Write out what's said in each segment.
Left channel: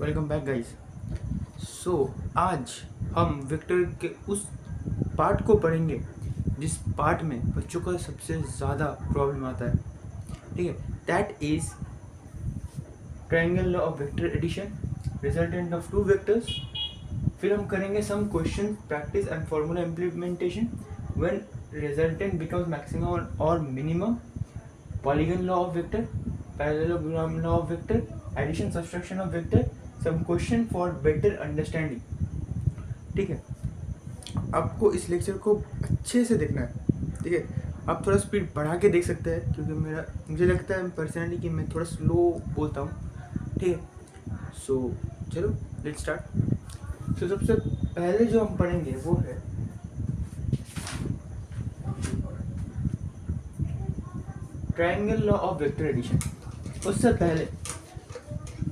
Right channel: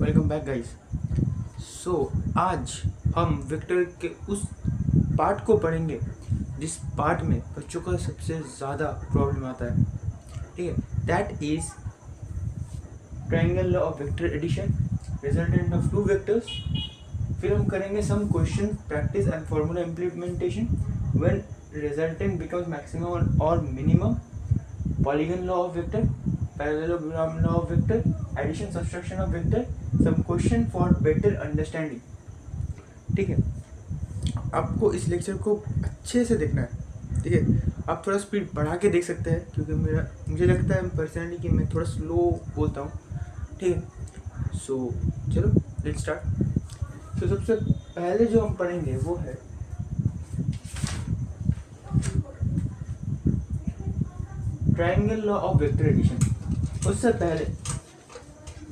Welcome back guys. सो आज हम vector के उस पार्ट को पढ़ेंगे जिस पार्ट में बच्चों का सबसे ज़्यादा प्रॉब्लम आता है। ठीक है, that is triangle law of vector addition resultant of two vectors. फिर हम करेंगे some question practice and formula implementation when resultant becomes maximum और minimum, polygon law of vector, parallelogram law of vector, addition subtraction of vector, some question for better understanding. ठीक है, आपको इस lecture को अच्छे से देखना है। ठीक है, आप थोड़ा स्पीड बढ़ा के देख सकते हैं क्योंकि मुझे लगता है पर्सनली कि मैं थोड़ा स्लो बोलता हूँ। ठीक है, सो चलो लेट्स स्टार्ट। सो सबसे पहले जो हम पढ़ेंगे वो है triangle law of vector addition. उससे पहले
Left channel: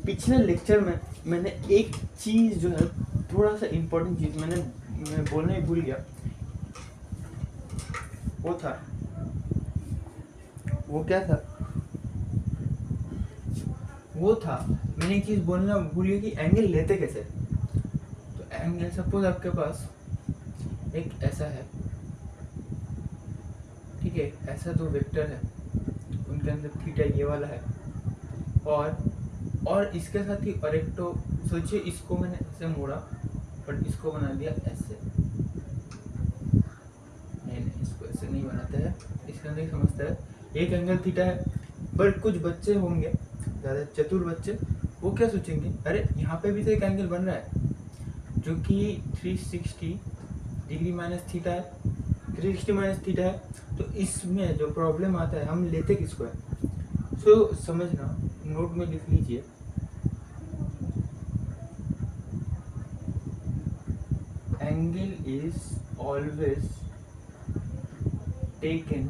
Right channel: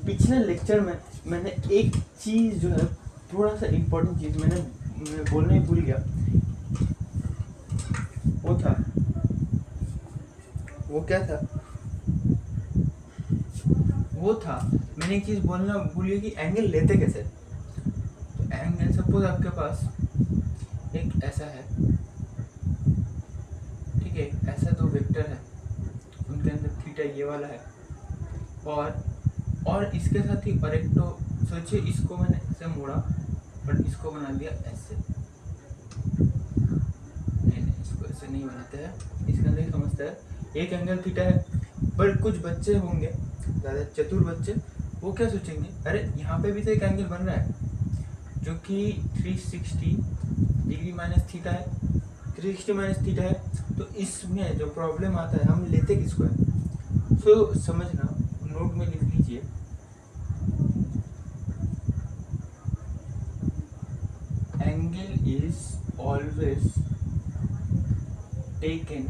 पिछले लेक्चर में मैंने एक चीज़ जो है, थोड़ा सा इम्पोर्टेंट चीज़ मैं बोलना ही भूल गया। वो क्या था? वो था मैंने एक चीज़ बोलना भूल गया कि एंगल लेते कैसे। तो एंगल सपोज आपके पास एक ऐसा है, ठीक है, ऐसा दो वेक्टर है, उनके अंदर थीटा ये वाला है और इसके साथ ही और एक, तो सोचिए इसको मैंने ऐसे मोड़ा बट इसको बना दिया ऐसे। नहीं, इसको ऐसे नहीं बनाते हैं, इसके अंदर समझते हैं एक एंगल थीटा है। पर कुछ बच्चे होंगे, ज़्यादा चतुर बच्चे, वो क्या सोचेंगे, अरे यहाँ पे भी तो एक एंगल बन रहा है जो कि 360 डिग्री माइनस थीटा है, 360 माइनस थीटा है। तो इसमें जो प्रॉब्लम आता है, हम लेते किसको है? सो समझना, नोट में लिख लीजिए, angle is always taken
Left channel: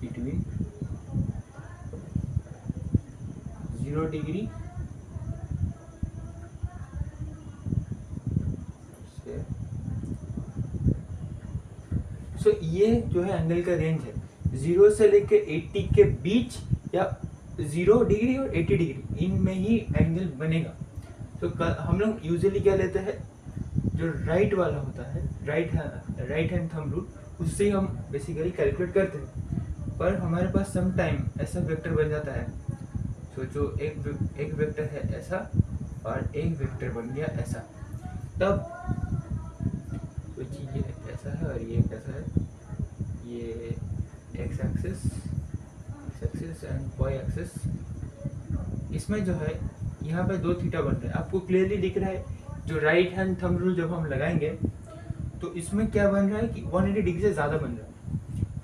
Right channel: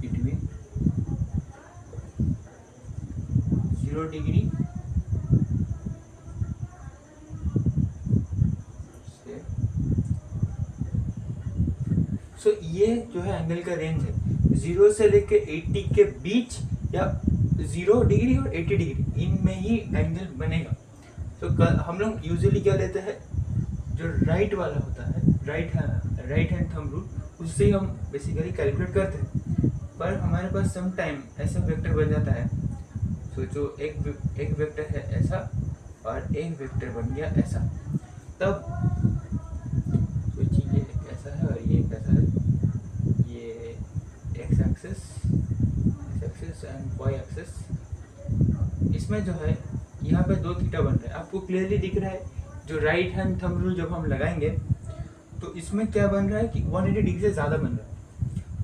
between 0 degree से, सो ये जो है एंगल का रेंज है 0 से लेके 80 के बीच, या 0 डिग्री और 80 डिग्री इनमें ही एंगल बनेगा। तो हम लोग यूजुअली क्या लेते हैं, जो राइट वाला होता है, राइट हैंड थंब रूल, उससे हम बेसिकली कैलकुलेट करते हैं। पर हमारे पास सम टाइम ऐसा वेक्टर बन जाता है, तो जो एक वेक्टर है ऐसा और एक वेक्टर बन गया ऐसा, तब सोचिए ये ऐसा है और ये ऐसा है, ये X axis and Y axis, इसमें जो है यहाँ पे दो थीटा बन रहा है, आपको क्लियरली दिख रहा है। जो राइट हैंड थंब रूल जब हम लगाएंगे तो इसमें क्या बन रहा है कि 180 डिग्री से ज़्यादा बन रहा है,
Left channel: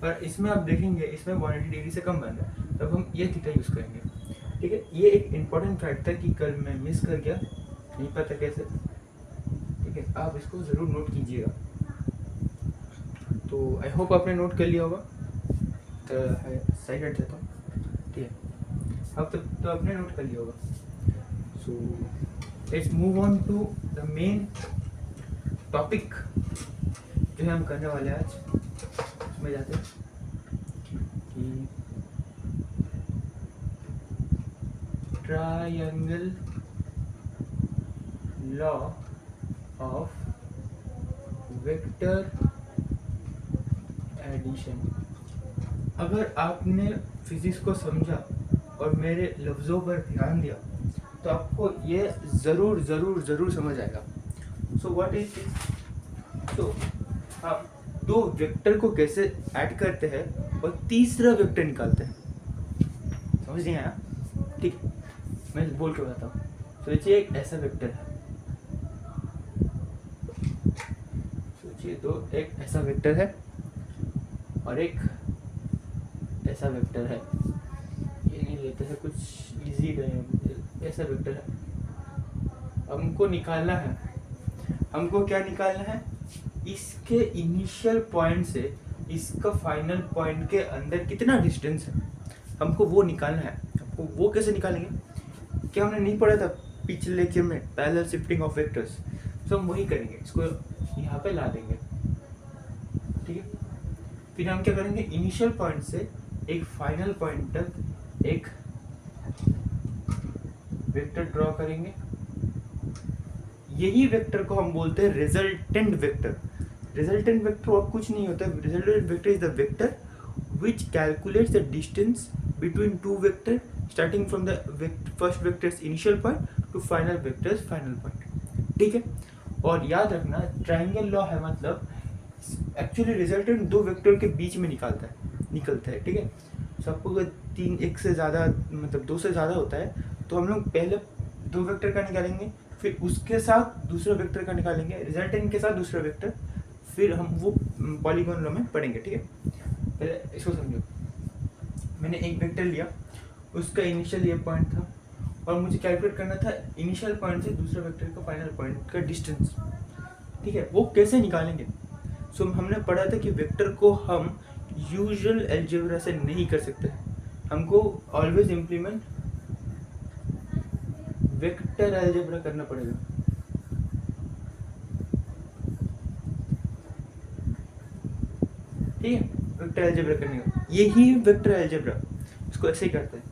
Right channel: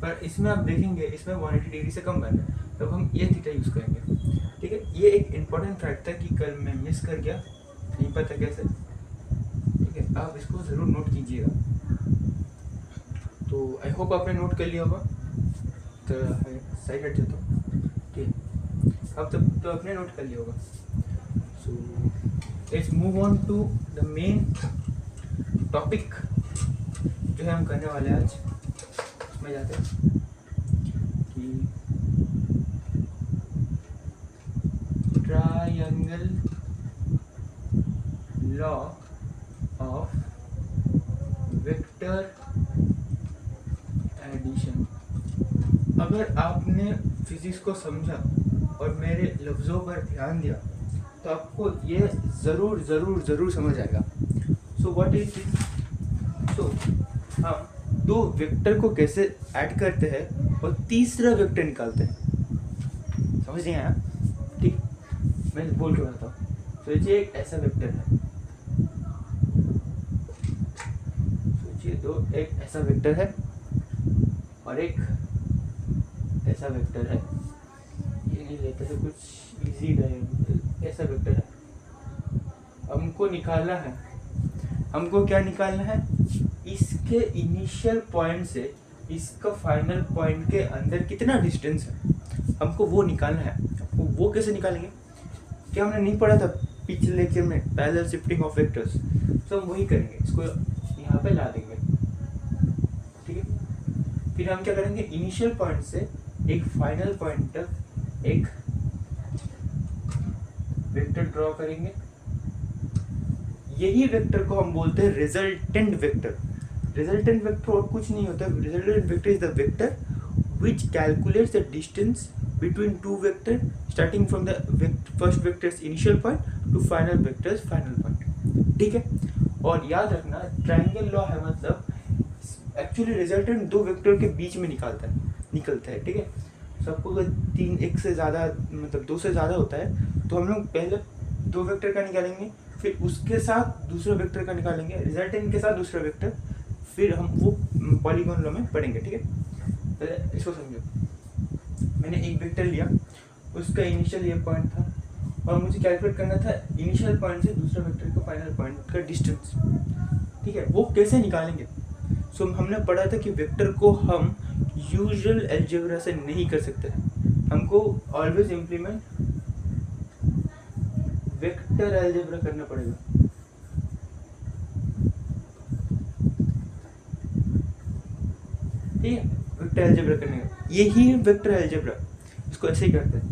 पर इसमें आप देखेंगे इसमें 180 डिग्री से कम बन रहा है, तब हम ये थीटा यूज़ करेंगे। ठीक है, ये एक इम्पॉर्टेंट फैक्ट था कि कल मैं मिस कर गया, नहीं पता कैसे। ठीक है, आप इसको ज़रूर नोट कीजिएगा। तो आई होप आपने नोट कर लिया होगा। तो साइड हट जाता हूँ। ठीक है, अब तक तो आपने नोट कर लिया होगा। So let's move on to the main topic जो है हम करने वाले आज। उसमें जाते हैं कि triangle law of vector addition. अगर आपने फिजिक्स को समझा और मेरे लफ्ज़ों पर ध्यान दिया तो आपको ये ज़रूर ज़रूर ज़रूर समझ आएगा। So what is this? So हम दो वेक्टर को कैसे ऐड करते हैं और तीसरा वेक्टर निकालते हैं, समझ नहीं आया? ठीक, मैं बोल के बताता हूँ। सोचिए एक ऐसा वेक्टर है, सोचिए एक ऐसा वेक्टर है और एक ऐसा वेक्टर है। ये नहीं लेते हैं, कुछ इजी रहे। ऐसा वेक्टर है, हमको निकालना है। हमको क्या निकालना है? इसके इनिशियल पॉइंट से इसका फाइनल पॉइंट के अंदर कितना डिस्टेंस है, हमको वो निकालना है। आपको वो कैसे निकालेंगे? क्या हमने नहीं पढ़ा था पिछले लेक्चर में, पैरेलल शिफ्टिंग ऑफ वेक्टर्स? तो हम वही करेंगे, इसको यहाँ पे ला देंगे। ठीक है, फिर हम क्या करेंगे, इनिशियल पॉइंट से एक फाइनल पॉइंट तक एक वेक्टर ड्रॉ करेंगे, यही वेक्टर को हम बोलते हैं रिजल्टेंट वेक्टर। रिजल्टेंट वेक्टर और कुछ नहीं होता, resultant vector is the vector which calculates the distance between two vector starting from the first vector's initial point to final vector's final point। ठीक है, और याद रखना ट्रायंगल लॉ है मतलब एक्चुअली रिजल्टेंट दो वेक्टर के बीच में निकलता है। ठीक है, सबको अगर तीन एक से ज़्यादा मतलब दो से ज़्यादा होता है तो हम लोग पहले दो वेक्टर का निकालेंगे, फिर उसके साथ दूसरा वेक्टर का निकालेंगे, रिजल्टेंट के साथ दूसरा वेक्टर, फिर हम वो पॉलीगॉन लॉ में पढ़ेंगे। ठीक है, पहले इसको समझो। मैंने एक वेक्टर लिया, उसका इनिशियल ये पॉइंट था और मुझे कैलकुलेट करना था इनिशियल पॉइंट से दूसरे वेक्टर का फाइनल पॉइंट का डिस्टेंस। ठीक है, वो कैसे निकालेंगे? सो हमने पढ़ा था कि वेक्टर को हम यूजुअल अलजेब्रा से नहीं कर सकते, हमको ऑलवेज इम्प्लीमेंट वेक्टर अलजेब्रा करना पड़ेगा। ठीक है, वेक्टर अलजेब्रा करने का यही वेक्टर अलजेब्रा, इसको ऐसे ही करते हैं।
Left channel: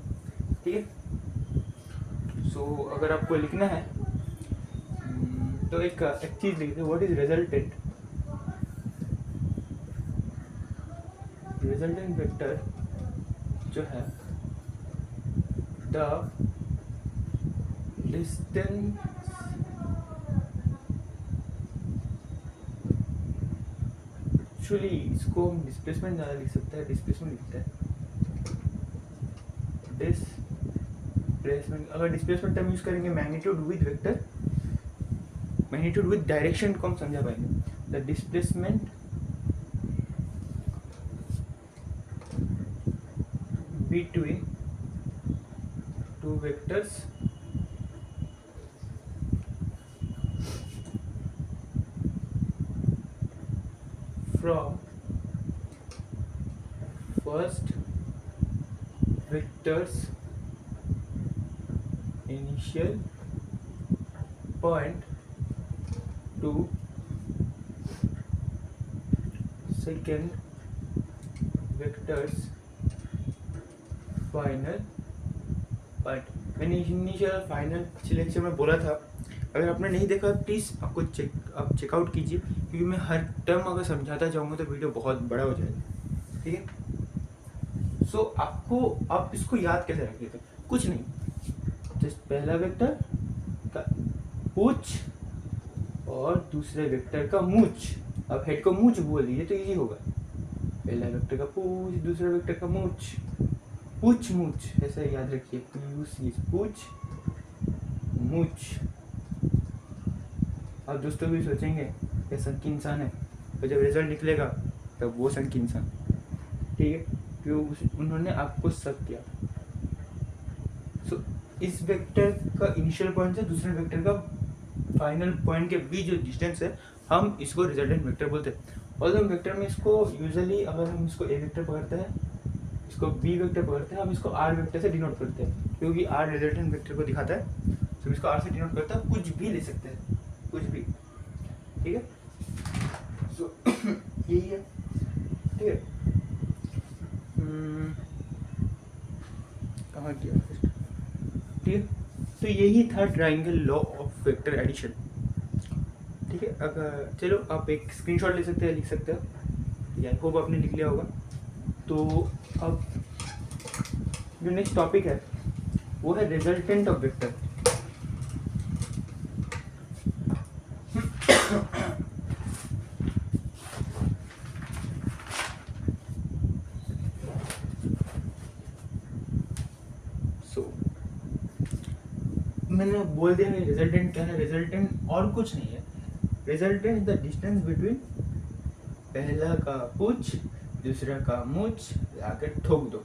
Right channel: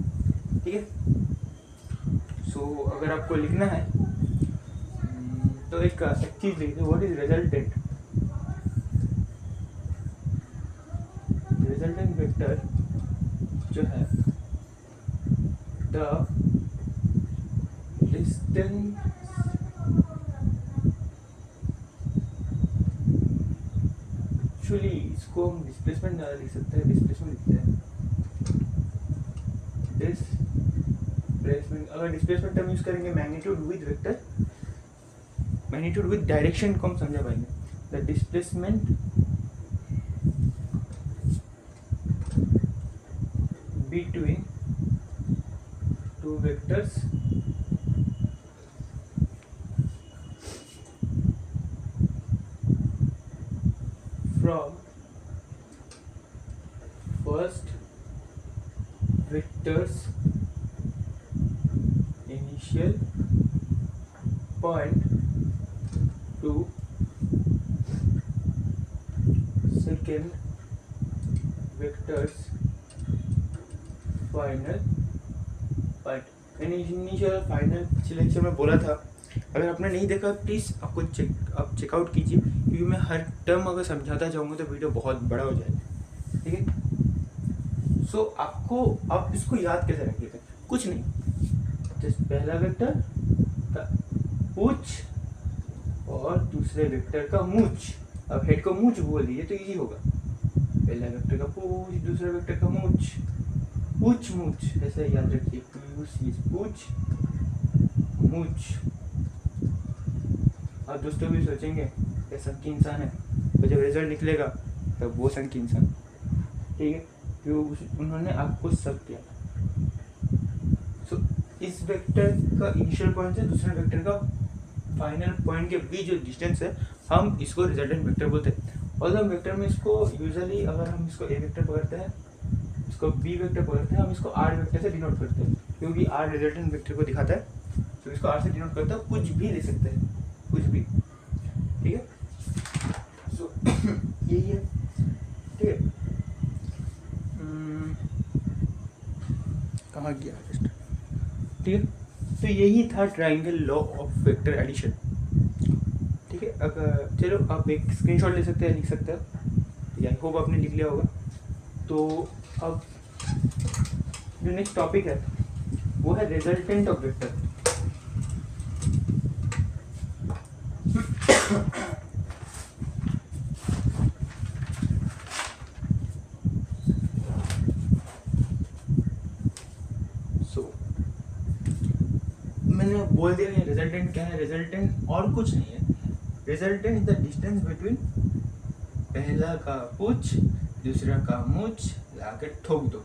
ठीक है, सो अगर आपको लिखना है तो एक चीज लिखते हैं, what is resultant. Resultant vector जो है द डिस्टेंस एक्चुअली इसको हम डिस्प्लेसमेंट ज़्यादा लिख सकते हैं, डिस्प्लेसमेंट लिखते हैं डिस्प्लेसमेंट। अगर डिस्प्लेसमेंट टर्म यूज करेंगे magnitude with vector, magnitude with direction को हम समझा पाएंगे। The displacement between two vectors from first vector's initial point to second vector's final point। मैंने इनिशियल फाइनल पिछले लेक्चर में बोला था, अगर आपने नहीं देखा प्लीज़ आप चेकआउट कीजिए, क्योंकि मैं हर टर्म अगर समझाता जाऊँगा तो वीडियो बहुत बड़ा हो जाएगा। ठीक है, सो आप इसको याद कैसे रखिएगा, कुछ नहीं, जस्ट पहला वेक्टर का पूछ और दूसरे वेक्टर का मूछ। अब हेड को मूछ बोल दीजिए तो इजी होगा, पहला वेक्टर का पूछ, दूसरे वेक्टर का मूछ, पूछ मूछ ऐसा याद रखिए, पूछ मूछ। अब दोस्तों भी सोचेंगे ये संकी इंसान है, तो जब रिजल्ट निकलेगा तब वो संकी इंसान। ठीक है, क्यों उन्होंने आपको शक किया। सो इस वेक्टर का इनिशियल पॉइंट से दूसरे वेक्टर का फाइनल पॉइंट के बीच जो डिस्टेंस है, हम इसको रिजल्टेंट वेक्टर बोलते हैं। और हम वेक्टर में इसको यूजुअली अगर हम इसको ए वेक्टर पकड़ते हैं, इसको बी वेक्टर पकड़ते हैं, हम इसको आर वेक्टर से डिनोट करते हैं, क्योंकि आर रिजल्टेंट वेक्टर को दिखाता है, तो इसको आर से डिनोट करता है। कुछ भी ले सकते हैं, कुछ भी। ठीक है, सो यही है। ठीक है, कहाँ गया? ठीक है, तो यही था triangle law of vector addition. ठीक है, अगर चलो आप एक स्क्रीनशॉट ले सकते हैं, लिख सकते हैं, आई होप आपने लिख लिया होगा। तो अब जो नेक्स्ट टॉपिक है वो है रिजल्टेंट ऑफ वेक्टर। मैंने बोल दिया नहीं, रिजल्टेंट क्या है। रिजल्टेंट और कुछ नहीं है, रिजल्टेंट द डिस्टेंस बिटवीन पहला का पूछ दूसरा का मूछ लाके ठोक दो।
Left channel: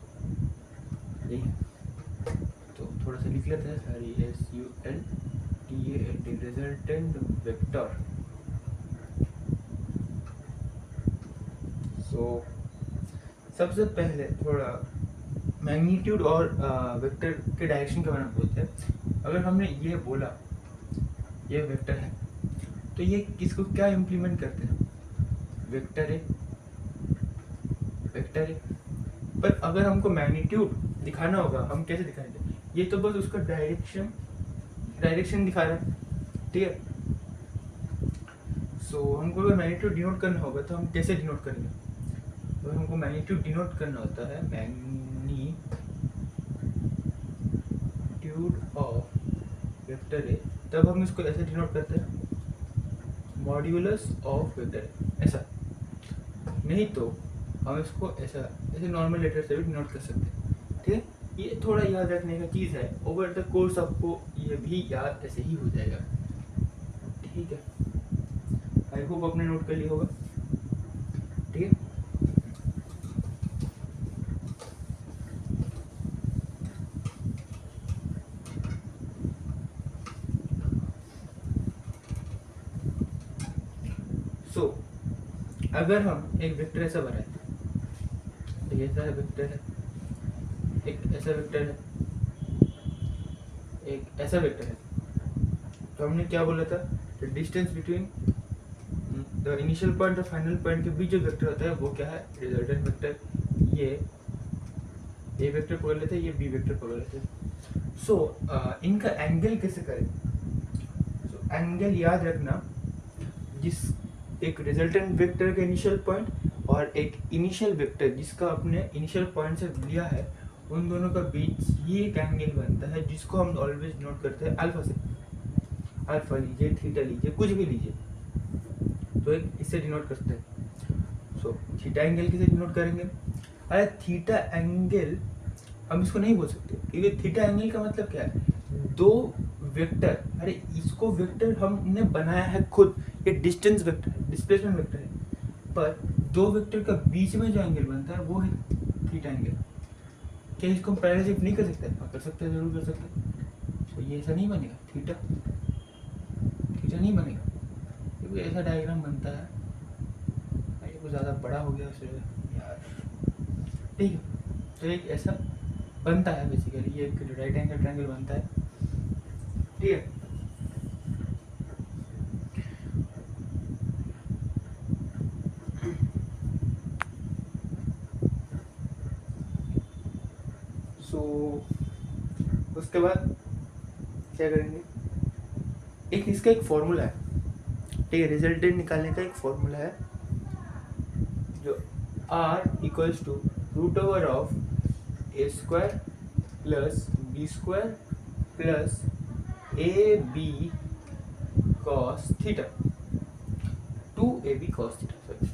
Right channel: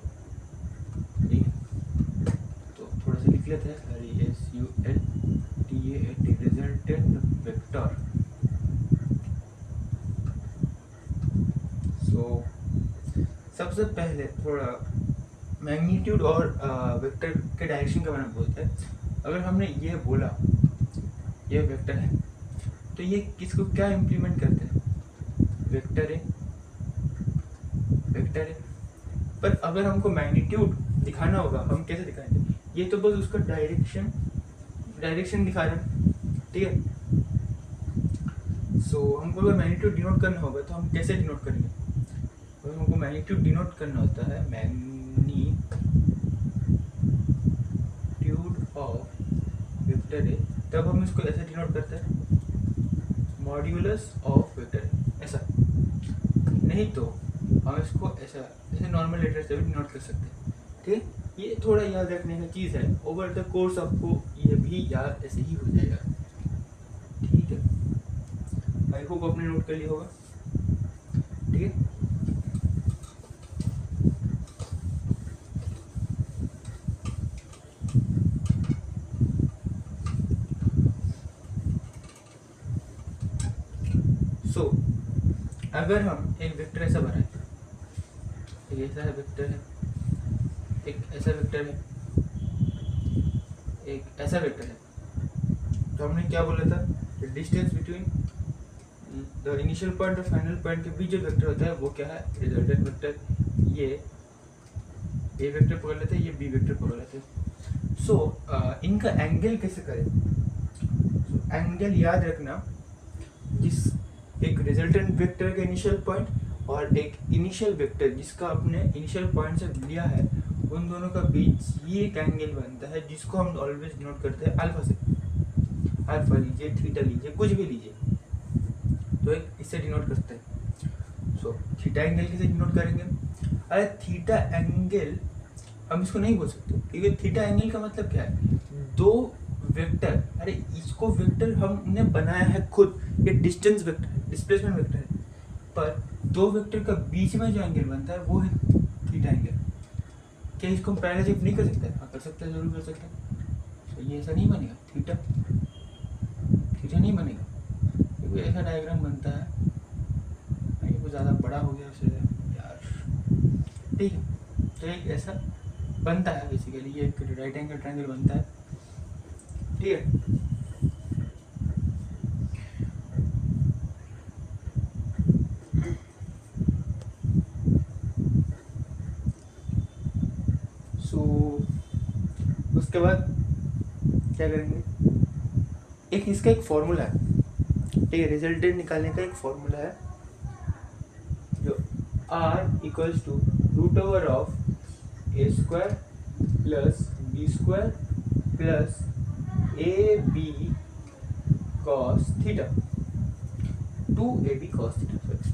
ठीक है, तो थोड़ा सा लिख लेते हैं, सॉरी SULTANT रिजल्टेंट वेक्टर। सो सबसे पहले थोड़ा मैग्नीट्यूड और वेक्टर के डायरेक्शन के बारे में बोलते हैं। अगर हमने ये बोला ये वेक्टर है, तो ये किसको क्या इम्प्लीमेंट करते हैं? वेक्टर है, वेक्टर है। पर अगर हमको मैग्नीट्यूड दिखाना होगा, हम कैसे दिखाएंगे? ये तो बस उसका डायरेक्शन डायरेक्शन दिखा रहा है, ठीक है। सो हमको अगर मैग्नीट्यूड डिनोट करना होगा तो हम कैसे डिनोट करेंगे? अगर हमको मैग्नीट्यूड डिनोट करना होता है मैग्नीट्यूड ऑफ वेक्टर ए, तब हम इसको ऐसे डिनोट करते हैं, मॉड्यूलस ऑफ वेक्टर ए, ऐसा। नहीं तो हम इसको ऐसा ऐसे नॉर्मल लेटर से भी डिनोट कर सकते हैं, ठीक है। ये थोड़ा याद रखने का चीज़ है, ओवर द कोर्स आपको ये भी याद ऐसे ही हो जाएगा, ठीक है। आई होप आपने नोट कर लिया होगा, ठीक है। सो अगर हम एक वेक्टर ऐसा बनाए, एक ऐसा वेक्टर है, एक ऐसा वेक्टर है, एक ऐसा वेक्टर है, तो हमने क्या बोला था? Distance between the initial point और फाइनल पॉइंट के बीच जो वेक्टर होता है वो क्या है? Resultant vector. ये ए वेक्टर पकड़ लेते हैं, ये बी वेक्टर पकड़ लेते हैं। सो इनका एंगल कैसे करें? so, एंगल याद रखना, जिस एक रिजल्टेंट वेक्टर का इनिशियल पॉइंट और एक इनिशियल वेक्टर जिसका अपने इनिशियल पॉइंट से लिया है, उन दोनों का बीच ही एक एंगल बनता है, जिसको हम ऑलवेज नोट करते हैं अल्फा से। अल्फा लीजिए, थीटा लीजिए, कुछ भी लीजिए, तो एक इससे डिनोट करते हैं। सो थीटा एंगल किसे डिनोट करेंगे? अरे थीटा एंगल हम इसको नहीं बोल सकते, क्योंकि थीटा एंगल का मतलब क्या है? दो वेक्टर, अरे इसको वेक्टर हमने बनाया है खुद, ये डिस्टेंस वेक्टर, डिस्प्लेसमेंट वेक्टर है, पर दो वेक्टर का बीच में जो एंगल बनता है वो है थीटा एंगल। क्या इसको हम पैरेलल नहीं कर सकते? हाँ कर सकते हैं, जरूर कर सकते हैं। तो ये ऐसा नहीं बनेगा, थीटा थीटा नहीं बनेगा, क्योंकि ऐसा डायग्राम बनता है। ये कुछ ज़्यादा बड़ा हो गया उसे यार, ठीक है। तो एक ऐसा बनता है बेसिकली, ये एक राइट एंगल ट्रायंगल बनता है, ठीक है। सो उसके बाद क्या करेंगे? एक इसका एक फॉर्मूला है, ठीक है, रिजल्टेंट निकालने का एक फॉर्मूला है, जो r equals to root over of A square plus B square plus A B cos theta, 2ab cos theta, sorry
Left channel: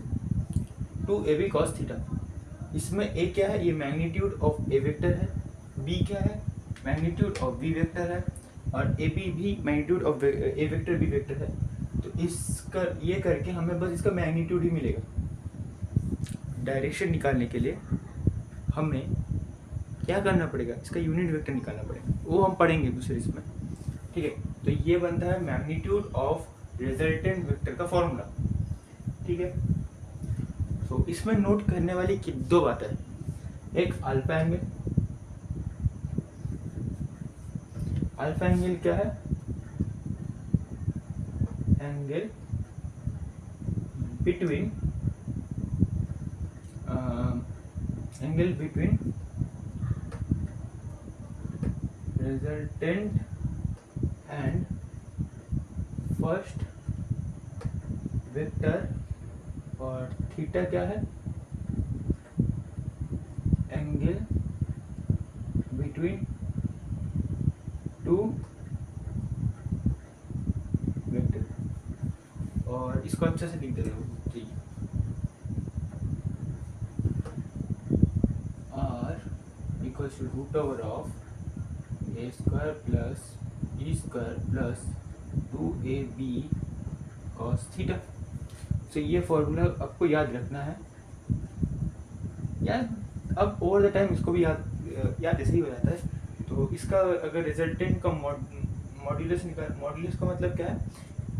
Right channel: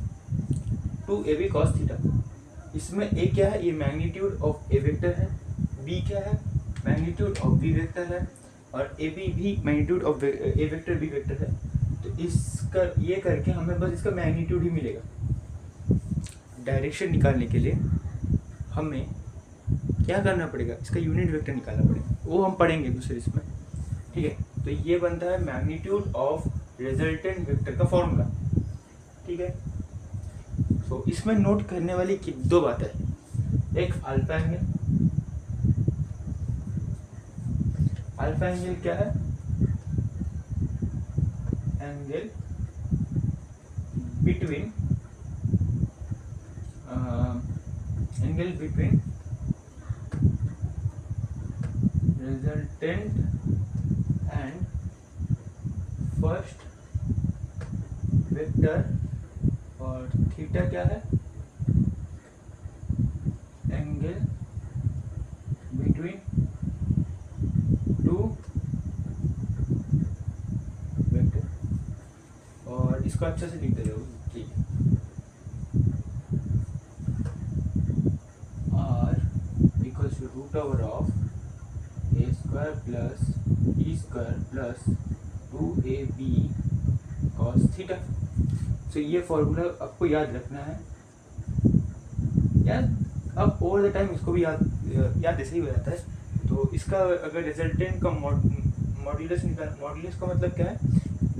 2ab cos theta. इसमें a क्या है? ये मैग्नीट्यूड ऑफ ए वेक्टर है, b क्या है? मैग्नीट्यूड ऑफ बी वेक्टर है, और A B भी magnitude of A vector B vector है। तो इसका ये करके हमें बस इसका मैग्नीट्यूड ही मिलेगा। डायरेक्शन निकालने के लिए हमें क्या करना पड़ेगा? इसका यूनिट वेक्टर निकालना पड़ेगा, वो हम पढ़ेंगे दूसरे इसमें, ठीक है। तो ये बनता है मैग्नीट्यूड ऑफ रिजल्टेंट वेक्टर का फॉर्मूला, ठीक है। तो इसमें नोट करने वाली दो बातें, एक अल्फा एंगल। अल्फा एंगल क्या है? Angle between resultant and first vector, और थीटा क्या है? Angle between two vector. और इसको अच्छे से लिख दे रहे हो, r equals to root over of A square plus B square plus 2ab cos theta. तो ये फॉर्मूला आपको याद रखना है यार, अब ओवर द टाइम इसको भी याद ऐसे ही हो जाता है। तो इसका अगर रिजल्टेंट का मॉड्यूलस का मतलब क्या है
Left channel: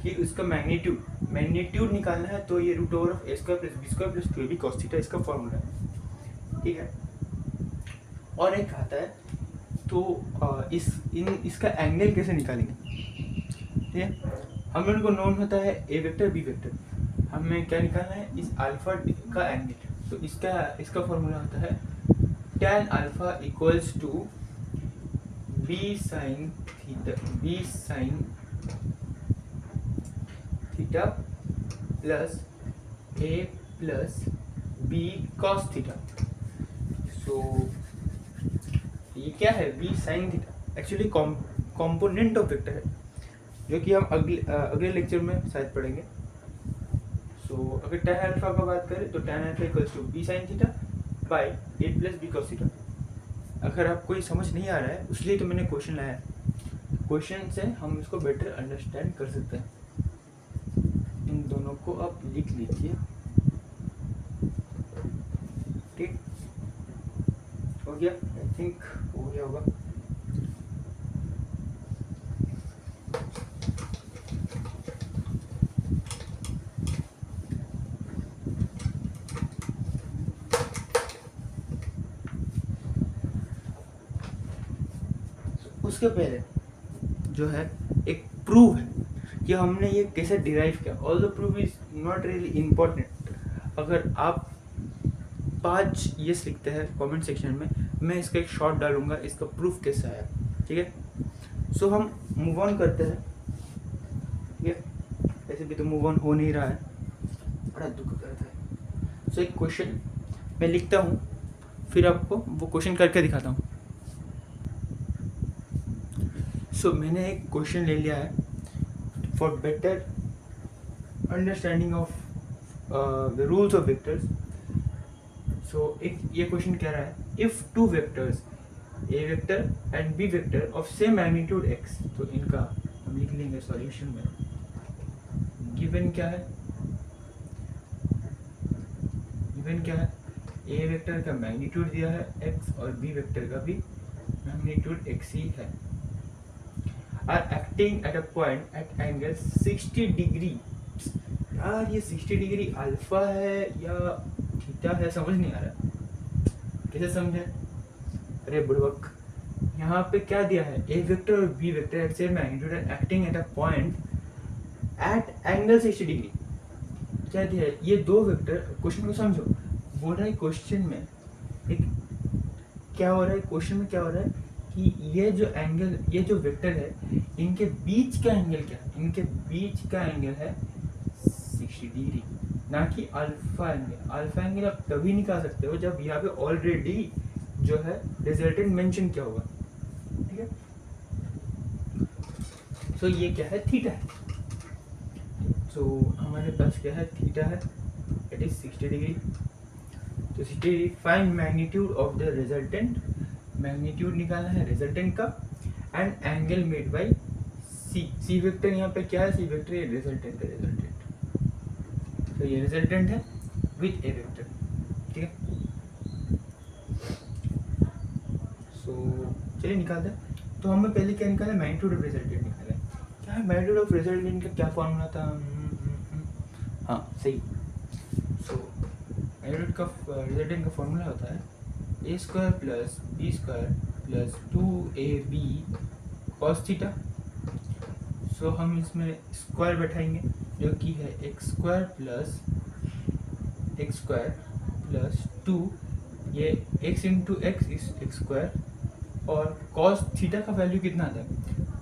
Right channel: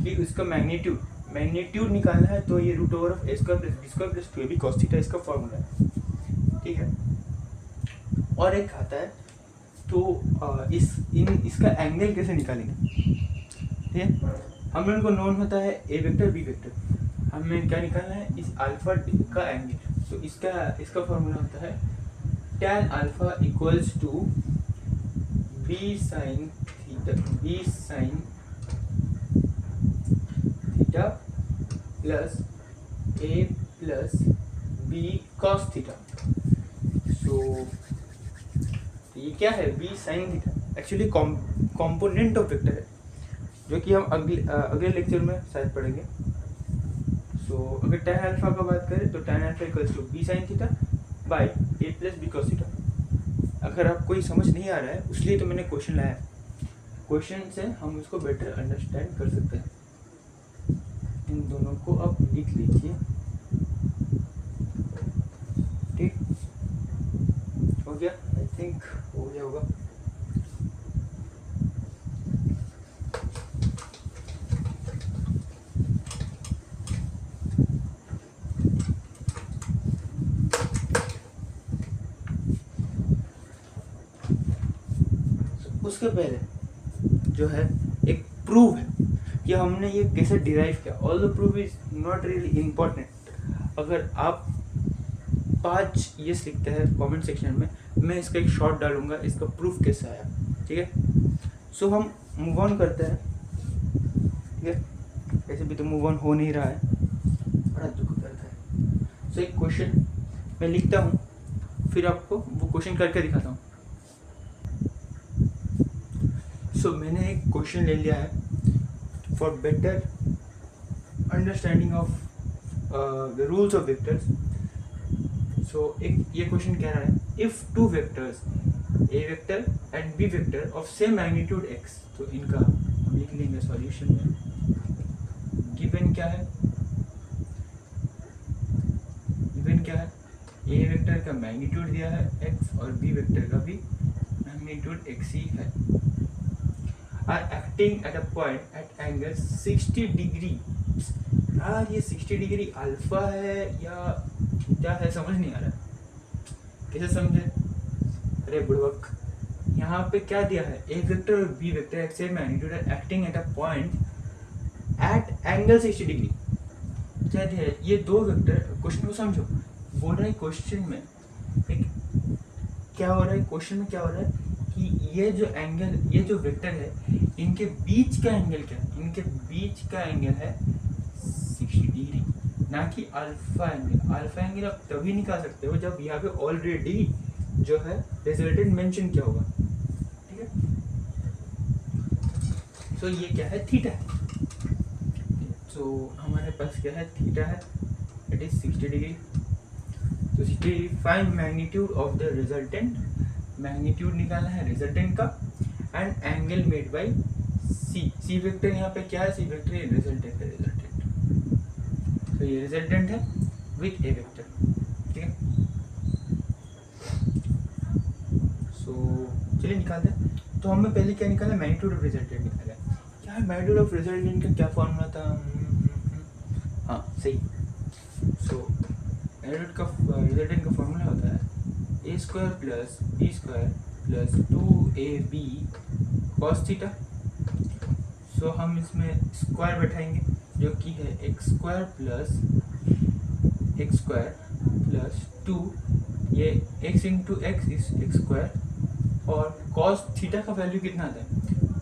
कि उसका मैग्नीट्यूड निकालना है, तो ये root over of A square plus B square plus 2ab cos theta इसका फॉर्मूला है, ठीक है। और एक आता है, तो इसका एंगल कैसे निकालेंगे? ठीक है, हम लोगों को नोन होता है ए वेक्टर बी वेक्टर, हमें क्या निकालना है? इस अल्फा का एंगल। तो इसका फॉर्मूला होता है tan alpha equals to B sine b sine theta plus A plus B cos theta. So ये क्या है, b sine theta actually component of vector है, जो कि हम अगले लेक्चर में शायद पढ़ेंगे। सो अगर tan अल्फा का बात करें तो tan alpha equals to B sine theta by A plus B cos theta. अगर आप कोई समझ नहीं आ रहा है उसलिए तो मैंने क्वेश्चन लाया है, क्वेश्चन से हम इसको बेटर अंडरस्टैंड कर सकते हैं। इन दोनों को आप लिख लीजिए, ठीक हो गया? आई थिंक हो गया होगा। उसके पहले जो है एक प्रूव है कि हमने ये कैसे डिराइव किया। All the proof is not really important. अगर आप 5 यस लिखते हैं कमेंट सेक्शन में, मैं इसका एक शॉर्ट डालूंगा इसका प्रूफ कैसे आया, ठीक है? सो हम मूव ऑन करते हैं, ठीक है? ऐसे भी तो मूव ऑन हो नहीं रहा है, बड़ा दुख करता है। सो एक क्वेश्चन मैं लिखता हूँ, फिर आपको वो क्वेश्चन करके दिखाता हूँ। सो मैंने एक क्वेश्चन ले लिया है for better understanding of the rules of vectors. So एक ये क्वेश्चन कह रहा है, if two vectors a vector and B vector of same magnitude x, तो इनका हम लिख लेंगे सॉल्यूशन में। गिवन क्या है, गिवन क्या है, ए वेक्टर का मैग्नीट्यूड दिया है एक्स और बी वेक्टर का भी मैग्नीट्यूड एक्स ही है। are acting at a point at angle 60 degree. यार ये 60 डिग्री अल्फा है या थीटा है, समझ नहीं आ रहा, कैसे समझे? अरे बुड़बक, यहाँ पे क्या दिया है, ए वेक्टर और B vector at same magnitude are acting at a point at angle 60 degree. क्या दिया है, ये दो वेक्टर, क्वेश्चन को समझो। बोल रहा है क्वेश्चन में एक क्या हो रहा है, क्वेश्चन में क्या हो रहा है कि ये जो एंगल, ये जो वेक्टर है, इनके बीच का एंगल क्या है? इनके बीच का एंगल है 60 डिग्री, ना कि अल्फा एंगल। अल्फा एंगल आप तभी निकाल सकते हो जब यहाँ पे ऑलरेडी जो है रिजल्टेंट मेंशन किया होगा, ठीक है? सो ये क्या है, थीटा है। सो हमारे पास क्या है, थीटा है, इट इज 60 डिग्री। तो 60 degree, find magnitude of the resultant, magnitude निकालना है रिजल्टेंट का, and angle made by C. C vector यहाँ पे क्या है, सी वेक्टर ये रिजल्टेंट है, रिजल्टेंट। तो ये रिजल्टेंट है विथ ए वेक्टर, ठीक है? सो चलिए निकालते हैं। तो हमें पहले क्या निकाला, मैग्नीट्यूड ऑफ रिजल्टेंट निकाला है। क्या है मैग्नीट्यूड ऑफ रिजल्टेंट का क्या फॉर्मूला था? हाँ सही। सो मैग्नीट्यूड का रिजल्टेंट का फॉर्मूला होता है ए square plus B square plus 2ab cos theta. So हम इसमें स्क्वायर बैठाएंगे, जो कि है एक्स स्क्वायर प्लस 2, ये x into x is x square, और कॉस थीटा का वैल्यू कितना आता है,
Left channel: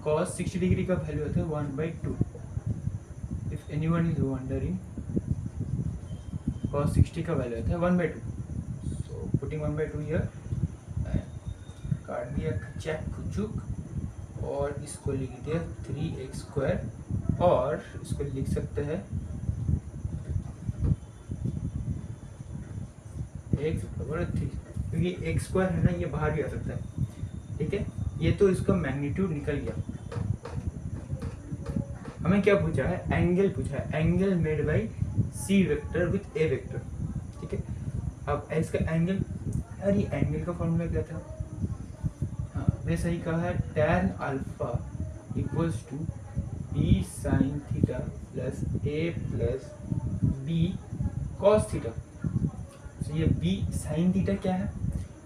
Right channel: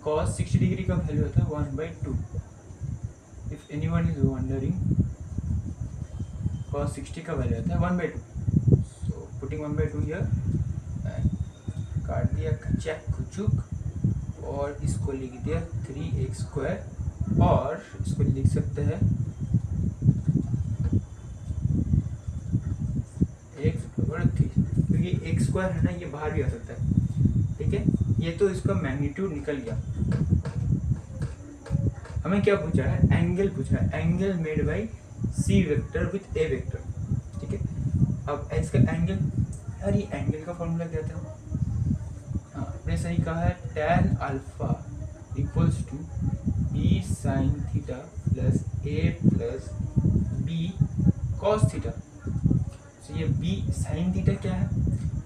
कॉस 60 डिग्री का वैल्यू होता है 1/2। If anyone is wondering, cos 60 का वैल्यू होता है 1/2। सो पुटिंग 1/2 हियर, काट दिया चेक कुचुक, और इसको लिख दिया 3x स्क्वायर, और इसको लिख सकते हैं x बराबर 3, क्योंकि x स्क्वायर है ना, ये बाहर भी आ सकता है, ठीक है? ये तो इसका मैग्नीट्यूड निकल गया। हमें क्या पूछा है, एंगल पूछा है, angle made by C vector with A vector, ठीक है? अब इसका एंगल, अरे एंगल का फॉर्मूला क्या था? हाँ मैंने सही कहा है, tan alpha equals to B sine theta plus A plus B cos theta. ये बी साइन थीटा क्या है,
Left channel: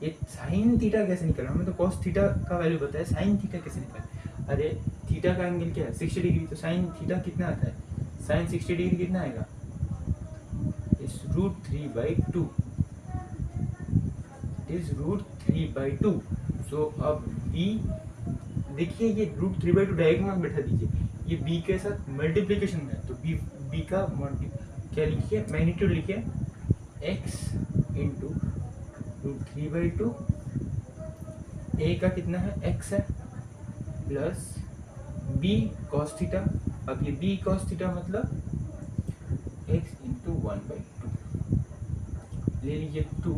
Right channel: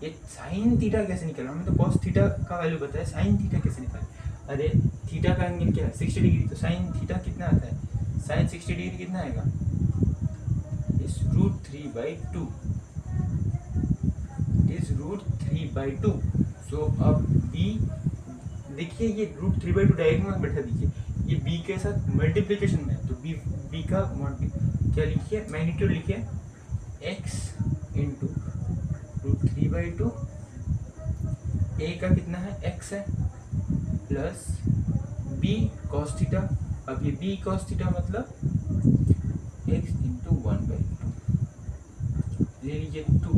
ये साइन थीटा कैसे निकला? हमें तो कॉस थीटा का वैल्यू बताया, साइन थीटा कैसे निकला? अरे थीटा का एंगल क्या है, 60 डिग्री, तो साइन थीटा कितना आता है, साइन 60 डिग्री कितना आएगा, इस √3/2, इज √3/2। सो अब b देखिए ये √3/2 डायगोनल में बैठा दीजिए, ये b के साथ मल्टीप्लिकेशन में है, तो b का क्या लिखिए, मैग्नीट्यूड लिखिए x इंटू √3/2, a का कितना है x है, प्लस b cos थीटा, अब ये b cos थीटा मतलब x इंटू 1/2, ले लीजिए 2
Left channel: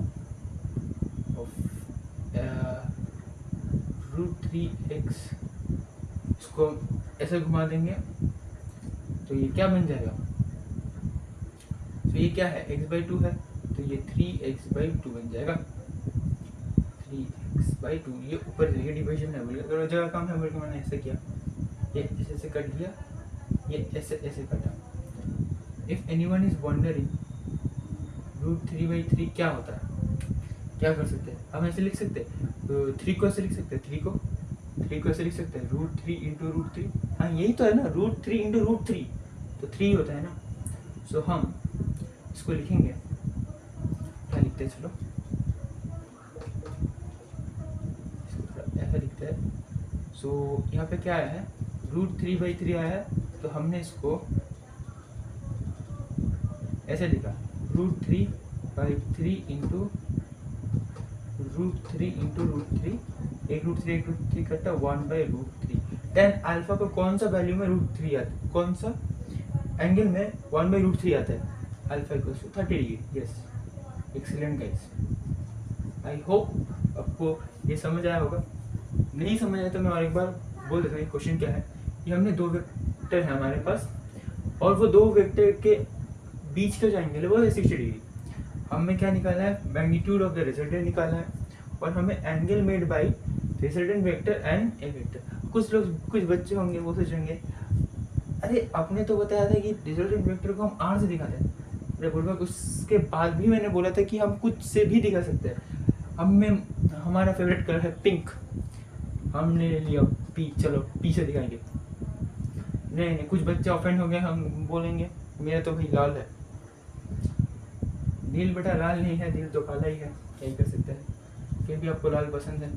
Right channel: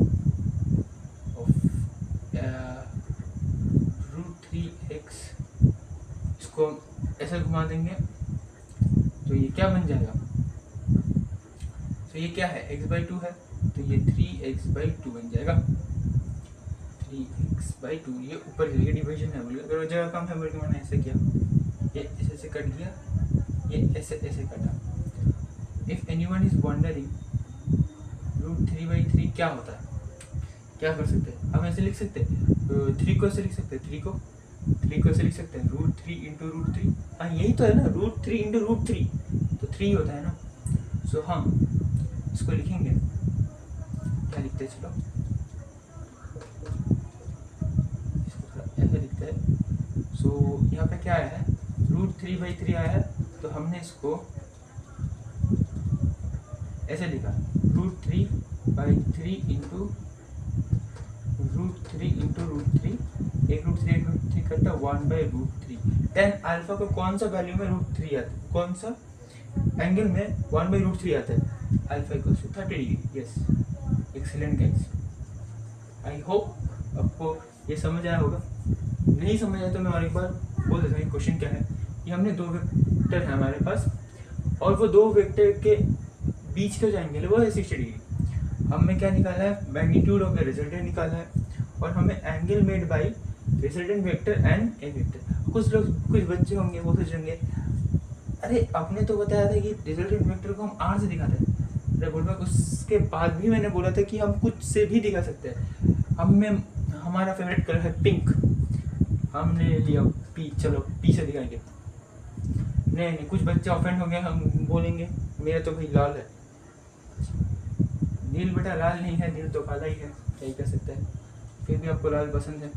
ऑफ √3x, इसको ऐसे घुमा देंगे तो ये क्या बन जाएगा, तो ये क्या है x/2 है, तो ये 3x/2 बन जाएगा, 3x/2, ये ऊपर ये डिवीजन है, बोलिए थोड़ा जगह कम है बोल के मैंने ऐसे किया, ये ऐसे ऐसे कट दिया, ये ऐसे ऐसे कटा। इफ एनीवन इज वंडरिंग √3/3 क्या होता है, क्या कर सकते हैं हम, ऐसे लिख सकते हैं 3 को ऐसे लिख सकते हैं, 3 को ऐसे लिख सकते हैं √3 इंटू √3, हाँ यही तो है ना, √3 इंटू √3 तो 3 होता है ना। सो हम इसको लिखेंगे, क्या लिखते हैं, चलो ऐसा लिखते हैं। सो यहाँ पे क्या आया है, √3/3 आया है, तो हमने इसको ऐसे लिखा √3/3 इंटू √3 एक √3 करता 1/√3, देन अल्फा को कौन सा वैल्यू में √3 आता है, कौन सा एंगल में 1/√3 आता है, alpha equals to 30 degree. Yes, excellent guys, I hope आपको ये समझ आया होगा, नहीं समझ आया तो मैं और एक बार बोल देता हूँ क्वेश्चन क्या है। ये हमने दो वेक्टर है हमारे पास, और वो दो वेक्टर के बीच का जो एंगल है वो है 60 डिग्री। हमें क्या निकालना है, मैग्नीट्यूड ऑफ द रिजल्टेंट निकालना है, और हमें angle made bye resultant vector and A vector. कुछ बच्चे होंगे वो सोचेंगे अरे आपने तो बताया था कि रिजल्टेंट वेक्टर को हम आर से दिखाते हैं, अरे बोल, उसके बाद भी मैंने बोला था कि हम कुछ से भी दिखा सकते हैं। हमारा फेवरेट कलर है पिंक, हमने लिया पी, चलो पी से दिखाएंगे। नहीं, कुछ बच्चे ऑफेंड हो गए, हम बोलेंगे मेरा तो भाई लाल है, दिल बेटा लाल नहीं है, दिल तो काला ही है, क्या ही कर सकते हैं, फिर भी आपको लाल पसंद है,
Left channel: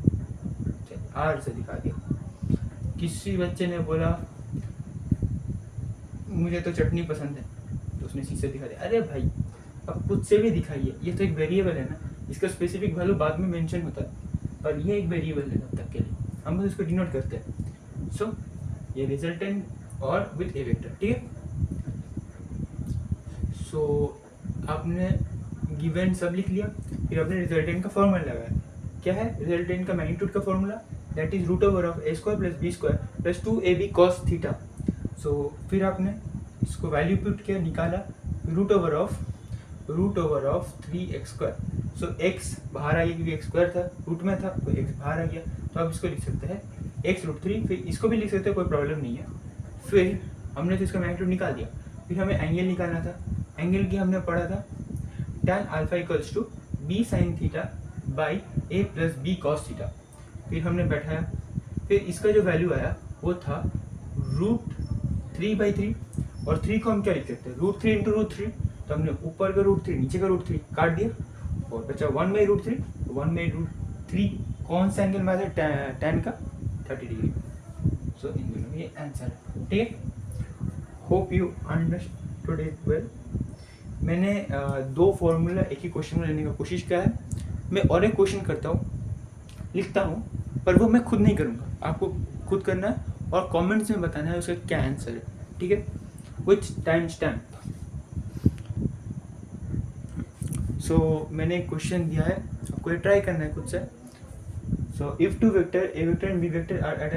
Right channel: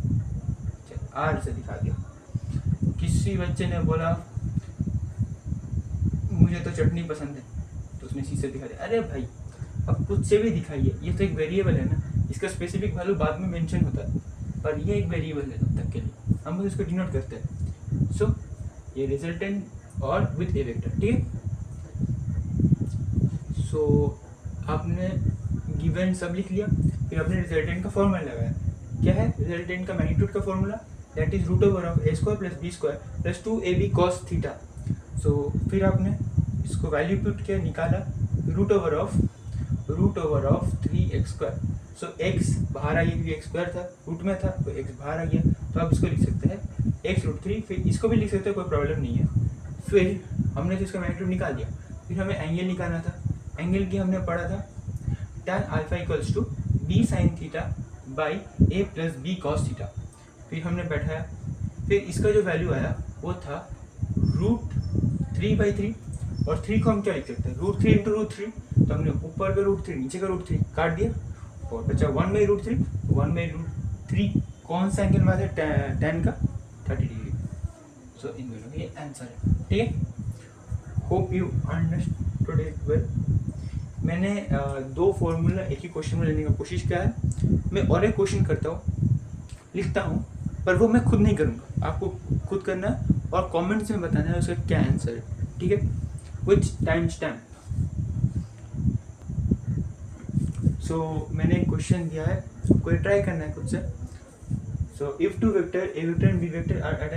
आर से दिखा दिया। किसी बच्चे ने बोला मुझे तो चटनी पसंद है, तो उसने सी से दिखा दिया। अरे भाई अब कुछ से भी दिखाइए, ये तो एक वेरिएबल है ना, इसका स्पेसिफिक वैल्यू बाद में मेंशन होता है, पर ये एक वेरिएबल है तब तक के लिए, हम बस इसको डिनोट करते हैं। सो ये रिजल्टेंट और विथ ए वेक्टर, ठीक है। सो आपने गिवन सब लिख लिया, फिर आपने रिजल्टेंट का फॉर्मूला लगाया, क्या है रिजल्टेंट का मैग्नीट्यूड का formula, that is √(a² + b² + 2ab cos theta. So फिर आपने इसको वैल्यू पुट किया, निकाला √3x²। सो x बाहर आई क्योंकि x² था, रूट में था तो x बाहर आ गया, तो आप इसको लिख सकते हैं x√3, फिर इसको भी लिख सकते हैं, कोई प्रॉब्लम नहीं है। फिर हमने तो इसका मैग्नीट्यूड निकाल दिया, फिर हमें एंगल निकालना था, एंगल की हमने पढ़ा था tan α = b sin theta by a + b cos theta. फिर हमने बैठाया, फिर इसका जो वैल्यू आया वो था √3/3, और 3 को हम क्या लिख सकते हैं, √3 इंटू √3, तो हमने ऊपर का √3 नीचे का √3 काट दिया, और बचा 1/√3। 1/√3 कौन सा एंगल में आता है, tan का 30 डिग्री। सो इन दोनों का ये आंसर है, ठीक है। Hope you understood it well. मैंने दो फॉर्मूला एक ही क्वेश्चन में लेने का कोशिश किया है। मैं और एक क्वेश्चन करता हूँ, लिखता हूँ, पर वो मैं खुद नहीं करूँगा, आपको खुद करना है और कमेंट्स में बताना है उसका क्या आंसर है, ठीक है। Which time stamp. सो मैंने एक क्वेश्चन दिया है, आपको ट्राई करना है खुद से। So if two vector A vector and B vector are at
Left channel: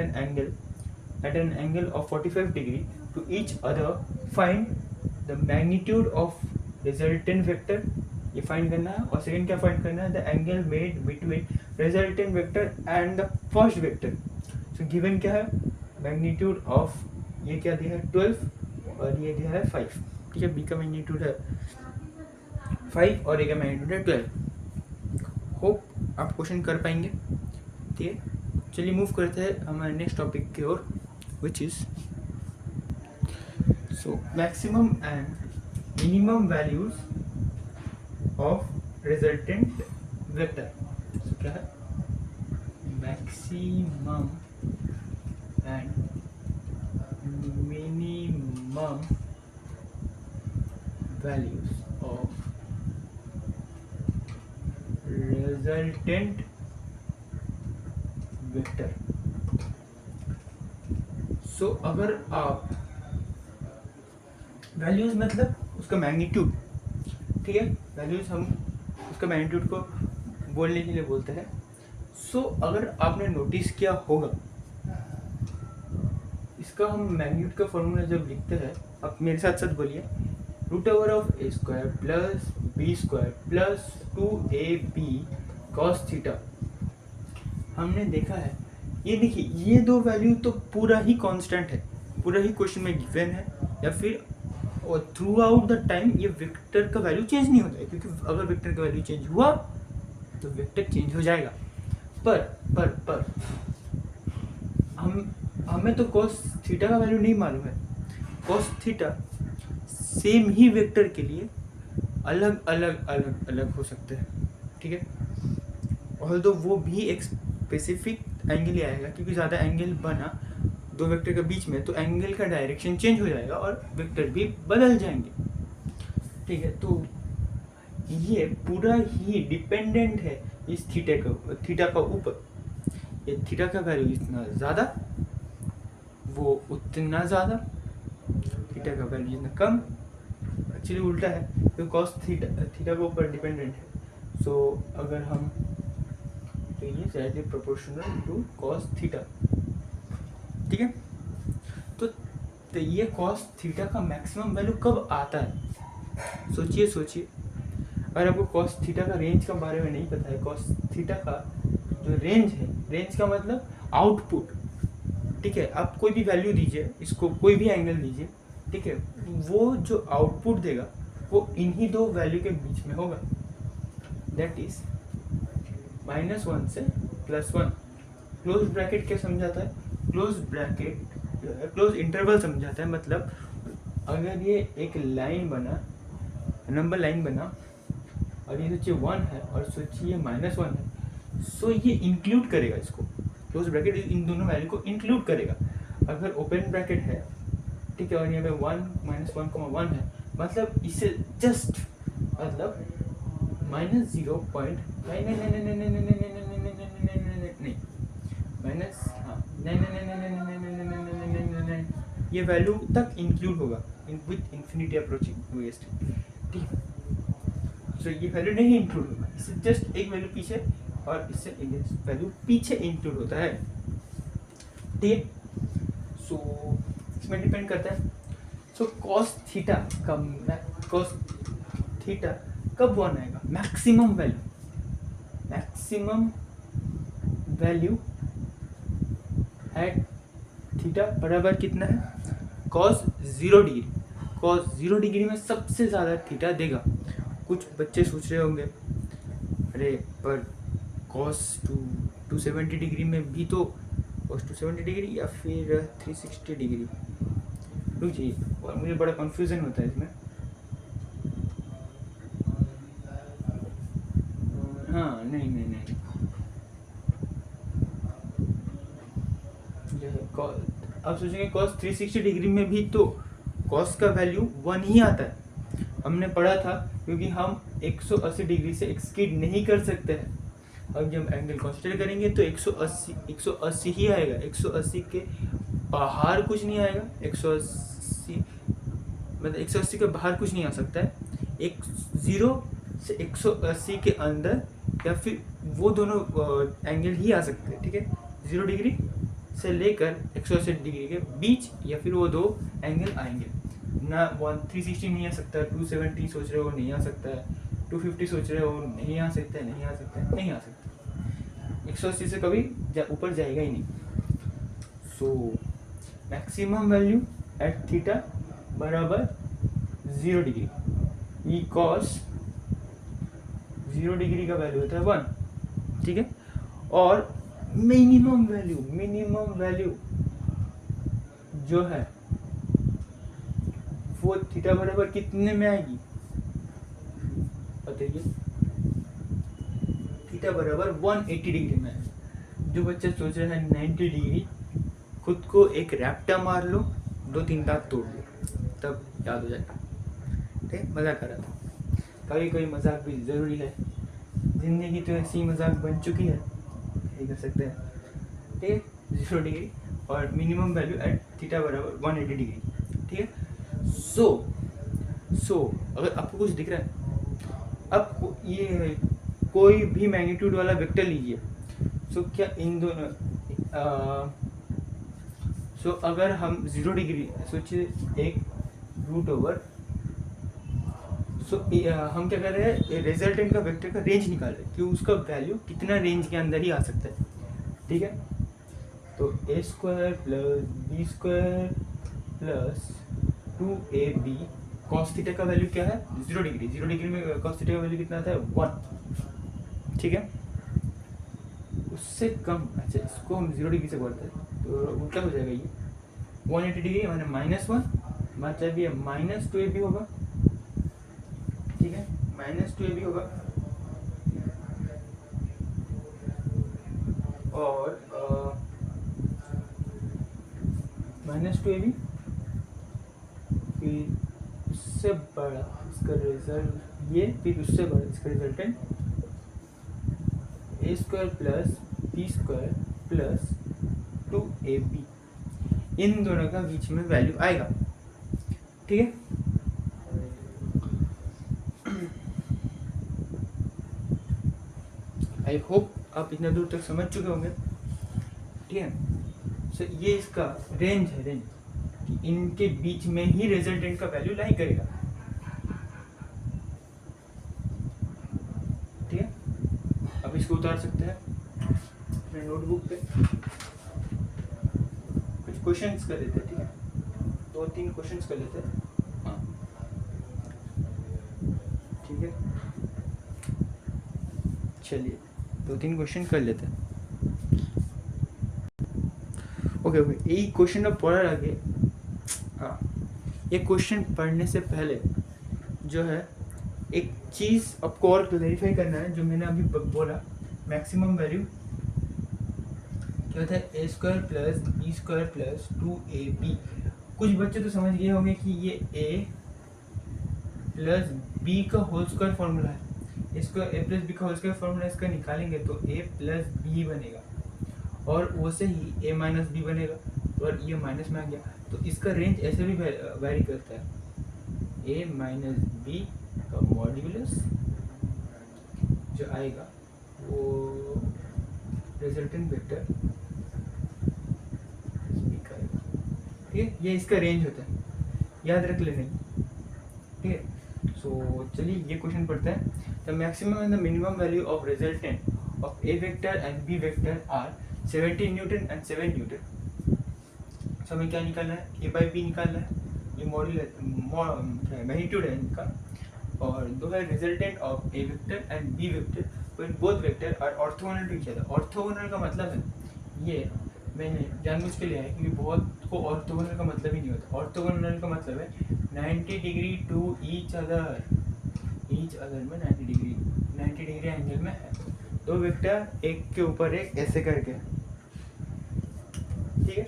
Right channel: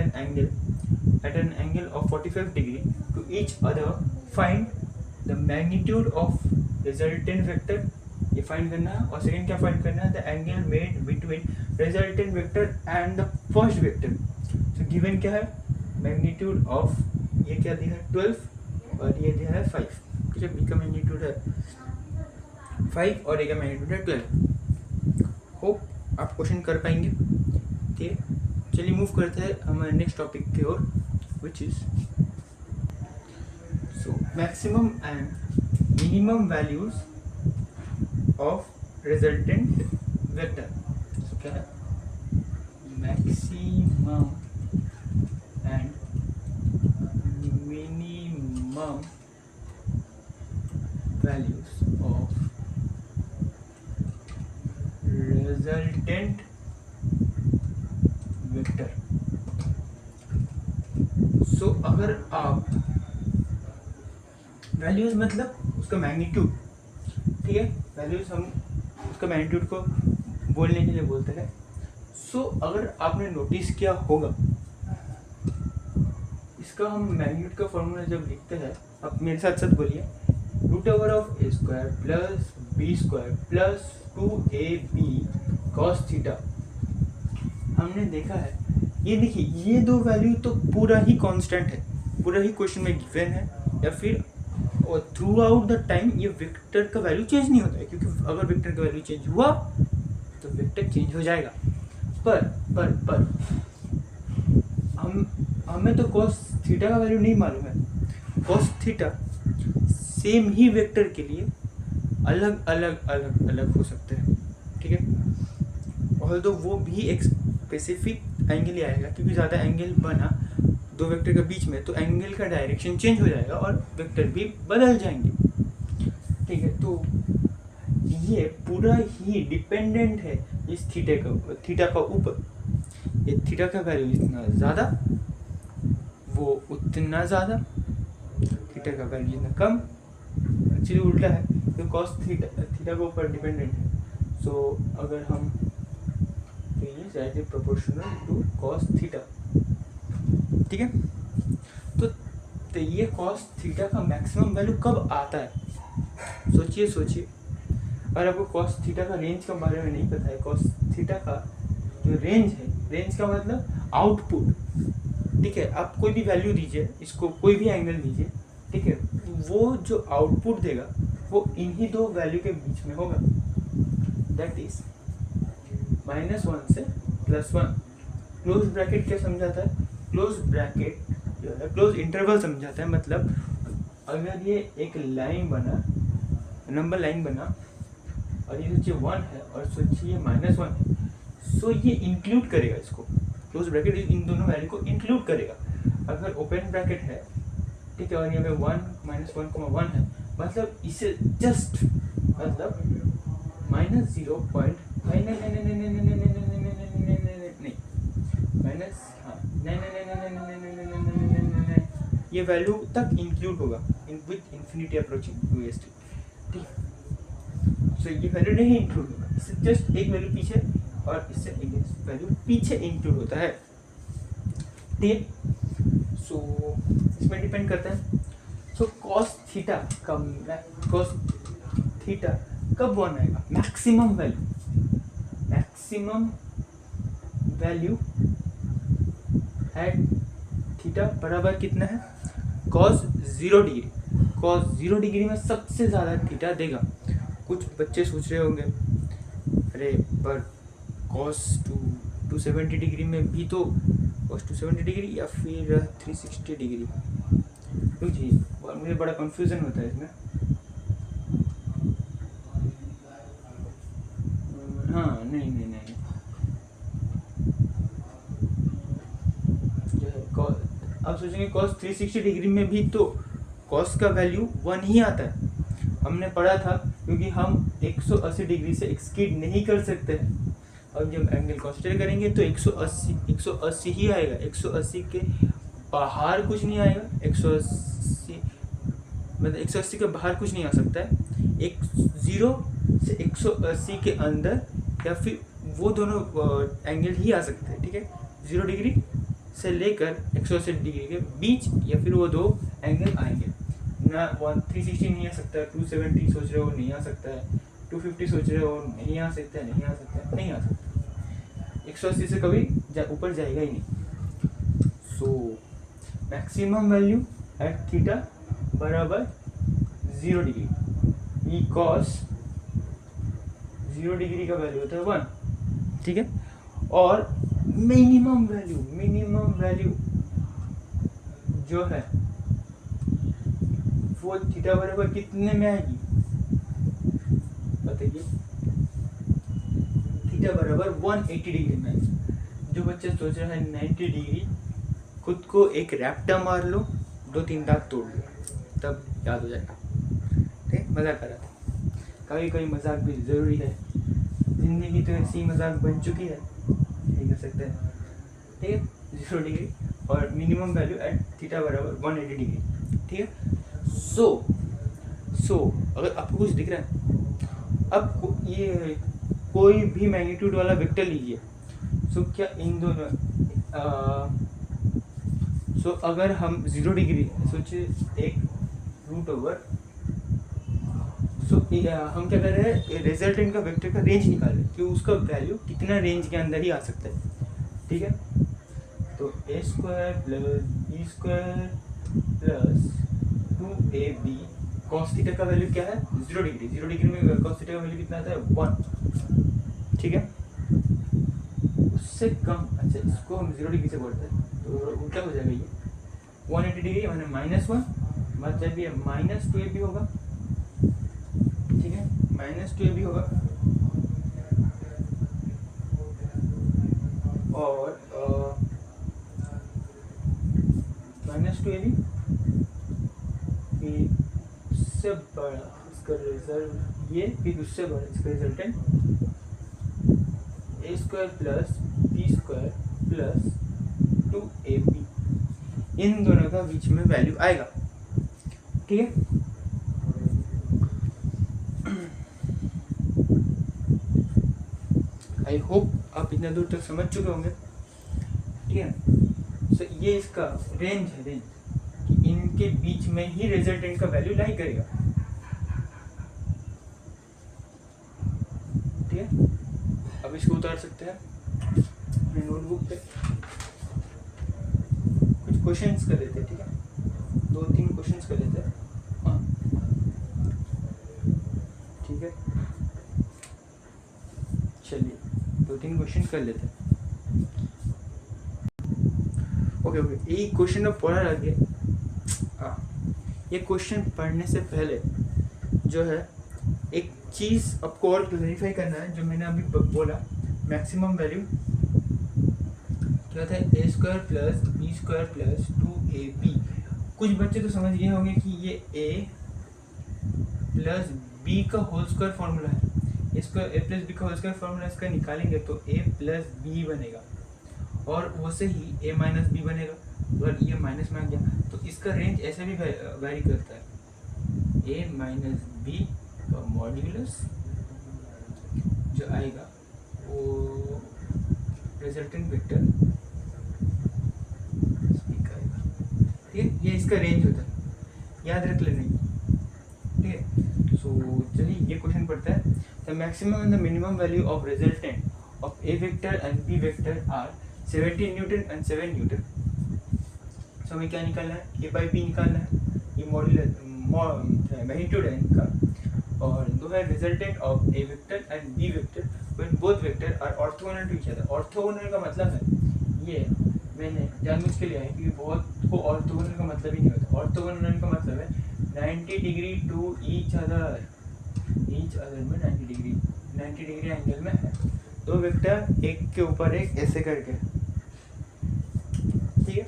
an angle of 45 degree to each other, find the magnitude of resultant vector, ये फाइंड करना है, और सेकंड क्या फाइंड करना है, the angle made between resultant vector and the first vector. So given क्या है, magnitude of, ये क्या दिया है 12 और ये दिया है 5, ठीक है। बी का मैग्नीट्यूड है 5 और ए का मैग्नीट्यूड है 12। होप आप क्वेश्चन कर पाएंगे, ठीक है। चलिए मूव करते हैं हमारे नेक्स्ट टॉपिक की ओर, which is maximum and minimum values of resultant vector. क्या है, maximum and minimum values of resultant vector. So अगर आप वैल्यूज मतलब उसका मैग्नीट्यूड, ठीक है, वैल्यूज हम उसका मैग्नीट्यूड को बोलने के लिए बोलते हैं। सो अगर आपने नोटिस किया होगा, इसका हम मैग्नीट्यूड का फॉर्मूला जब लिखते हैं, आप मेरे साथ साथ बोलिए, root over of A square plus B square plus 2ab cos theta. हमने देखा है, ये देखिए, ये दो वैल्यू तो पूरा ही कांस्टेंट है, पूरा ही क्वेश्चन में गिवन है, या फिर और थ्रू आउट द टाइम ये वेक्टर का वैल्यू चेंज नहीं होता है, क्योंकि अगर वेक्टर का वैल्यू चेंज हुआ तो वेक्टर चेंज हो जाएगा। पर हमें तो कॉस थीटा का वैल्यू नहीं मालूम है। कॉस थीटा सेम ही वेक्टर के लिए अलग अलग हो सकते हैं, ठीक है, और तो वो भी एक स्पेसिफिक एंगल ही आएगा, क्योंकि ज़्यादा एंगल बना दो वेक्टर के बीच में तो एंगल का डायरेक्शन चेंज हो जाएगा और वेक्टर भी बदल जाएंगे, ठीक है। तो ये पूरा ही डिपेंडेंट है इस थीटा का ऊपर। ये थीटा का वैल्यू जितना ज़्यादा वो उतना ज़्यादा, थीटा का वैल्यू जितना कम, एक्चुअली उल्टा है, तो कॉस थीटा के ऊपर डिपेंडेंट है। सो अगर हम, तो ये directly proportional to cos theta, ठीक है। तो ये कॉस थीटा का मैक्सिमम वैल्यू कब आता है? सोचिए, अगर आपको कॉस थीटा का रेंज के बारे में नहीं पता है, कॉस थीटा का जो रेंज है, रेंज का मतलब आउटपुट, ठीक है, आप कोई भी वैल्यू दीजिए, इसको कोई भी एंगल दीजिए, ठीक है, वो जो आउटपुट देगा वो इन्हीं दो वैल्यू के बीच में होगा, दैट इज -1 से +1। क्लोज ब्रैकेट क्या समझाता है? क्लोज ब्रैकेट जो है क्लोज इंटरवल समझाता है। मतलब अगर ये एक लाइन बना, नंबर लाइन बना, और ये सोचिए 1 है और सोचिए -1 है, सो ये इंक्लूड करेगा इसको, क्लोज ब्रैकेट इन दोनों वैल्यू को इंक्लूड करेगा। अगर ओपन ब्रैकेट है, ठीक है, और यहाँ पे 1 -1,1 है, मतलब इसे जस्ट मतलब -0. ये वैल्यू तक इंक्लूड होगा विथ इंफिनिटी अप्रोचिंग VST, ठीक है। सो ये वैल्यू नहीं इंक्लूड होगा, इससे जस्ट एक वैल्यू पीछे और इससे एक वैल्यू पीछे इंक्लूड होता है, ठीक है। सो इसमें डिपेंड करता है। सो कॉस थीटा कब 1 आएगा? मैक्सिमम वैल्यू एट थीटा बराबर कितना है? Cos 0 degree. कॉस 0 डिग्री में सबसे ज़्यादा थीटा देगा। कुछ बच्चे सोच रहे होंगे, अरे पर कॉस 270 डिग्री में भी तो, कॉस 270 डिग्री या फिर 360 डिग्री, रुकिए, और मुझे बड़ा कन्फ्यूज़न होता है इसमें। हाँ, नहीं, जो है आप सोचेंगे कॉस 360 डिग्री में भी तो कॉस का वैल्यू 1 ही आता है। हमने पढ़ा था, क्योंकि हम 180 डिग्री से एक्सकीड नहीं कर सकते हैं। अब जब एंगल कंसीडर करेंगे तो 180 ही आएगा, 180 के बाहर कुछ नहीं आएगा। 180 मतलब 180 के बाहर कुछ नहीं आ सकता है। 0 से 180 के अंदर या फिर वो दोनों एंगल ही आ सकते हैं, ठीक है। 0 डिग्री से लेकर 180 डिग्री के बीच या फिर वो दो एंगल आएंगे ना। 360 नहीं आ सकता, 270 सोच रहे हो नहीं आ सकता है, 250 सोच रहे हो नहीं आ सकता है, नहीं आ सकता। 180 से कभी ऊपर जाएगा ही नहीं। So maximum value at theta बराबर 0 डिग्री। ई कॉस 0 डिग्री का वैल्यू होता है 1, ठीक है। और मिनिमम वैल्यू जो है वो थीटा बराबर कितने में आएगी बताइए? थीटा बराबर 180 डिग्री में। जो बच्चे सोच रहे हैं 90 डिग्री, खुद को एक रैप्टा मार लो, 2-3 दांत तोड़ लो, तब याद हो जाएगा। ठीक, मज़ाक कर रहा था। कभी कभी मजाक भी ज़रूरी है, ज़िंदगी तो ऐसी मजाक बन चुकी है, यही कर सकते हैं। ठीक है, 0 डिग्री और मिनिमम वैल्यू एट थीटा बराबर 180 डिग्री। ठीक है, सो अगर आपको कुछ दिख रहा है, अब ये कोई भी मैग्नीट्यूड वाला वेक्टर लीजिए। सो क्या इन दोनों सो अगर हम 0 डिग्री सोचिए, एक रूट ओवर, सो हम क्या कर रहे हैं, रिजल्टेंट का वेक्टर का रेंज निकाल रहे हैं कि उसका वैल्यू कितना रेंज के अंदर ही आ सकता है। ठीक है, तो a square plus B square plus 2ab cos theta का वैल्यू क्या है, 0 डिग्री। 0 डिग्री में कॉस थीटा का वैल्यू कितना आता है, 1। ठीक है, उससे कम, अच्छा इसको हम 0 डिग्री से बढ़ते हैं तो उल्टा हो जाएगा, ये 180 डिग्री मैंने -1, मतलब ये -2ab होगा। ठीक है, -2ab होगा और -2ab, फिर उससे बड़ा इसका रिजल्ट ये, फिर उससे बड़ा इसका resultant a square plus B square plus 2ab, इन दोनों का बीच में वैल्यू आएगा। ठीक है, आई होप आप इतना दूर तक समझ चुके होंगे। ठीक है, सो ये इसका रेंज है, रेंज कि इनके बीच में ही रिजल्टेंट का वैल्यू लाई करेगा। ठीक है, अब इसको उतार सकते हैं अपने नोटबुक पे, कुछ क्वेश्चंस कर लेते हैं। ठीक है, 2-3 क्वेश्चंस कर लेते हैं। हाँ, ठीक है, चलिए 2-3 क्वेश्चन कर लेते हैं। ओके, यही क्वेश्चन का पढ़ा आगे। हाँ, ये क्वेश्चन पढ़ने से पहले जो है एक चीज़ आपको और क्लैरिफाई करना है, जो मैंने अभी बोला, मैक्सिमम वैल्यू क्या होता है, ए square plus B square plus 2ab। कुछ बच्चे तो समझ गए होंगे कि ये ए प्लस बी का होल स्क्वायर फॉर्मूला है, इसका ए प्लस बी का होल स्क्वायर फॉर्मूला इसका निकालेंगे तो ए प्लस बी बनेगा, और वैसे ही ए माइनस बी बनेगा, और ये माइनस में आ गया तो इसका रेंज ऐसे भी वेरी करता है, ए माइनस बी का मॉड्यूलस जो आएगा वो रिजल्टेंट वेक्टर आएगा। ठीक है, ये इसका रेंज होता है, याद रख लेना। ठीक है, सो चलिए ये क्वेश्चन पढ़ते हैं। The maximum and the minimum value of resultant of A vector and B vector are 17 newton and 7 newton. So हमें क्या निकालना है, ए बाई बी निकालना है, ये मैग्नीट्यूड है इनका, और दो है resultant of A vector and B vector when both vector are orthogonal to each other. Orthogonal का मतलब है, ये मैंने जानबूझ के लिया है क्योंकि बहुत को ऑर्थोगोनल का मतलब ही नहीं होता। ऑर्थोगोनल का मतलब है 90 degree to each other, each other में 90 डिग्री एंगल में है, दो वेक्टर एक के ऊपर एक ऐसे करके। ठीक है,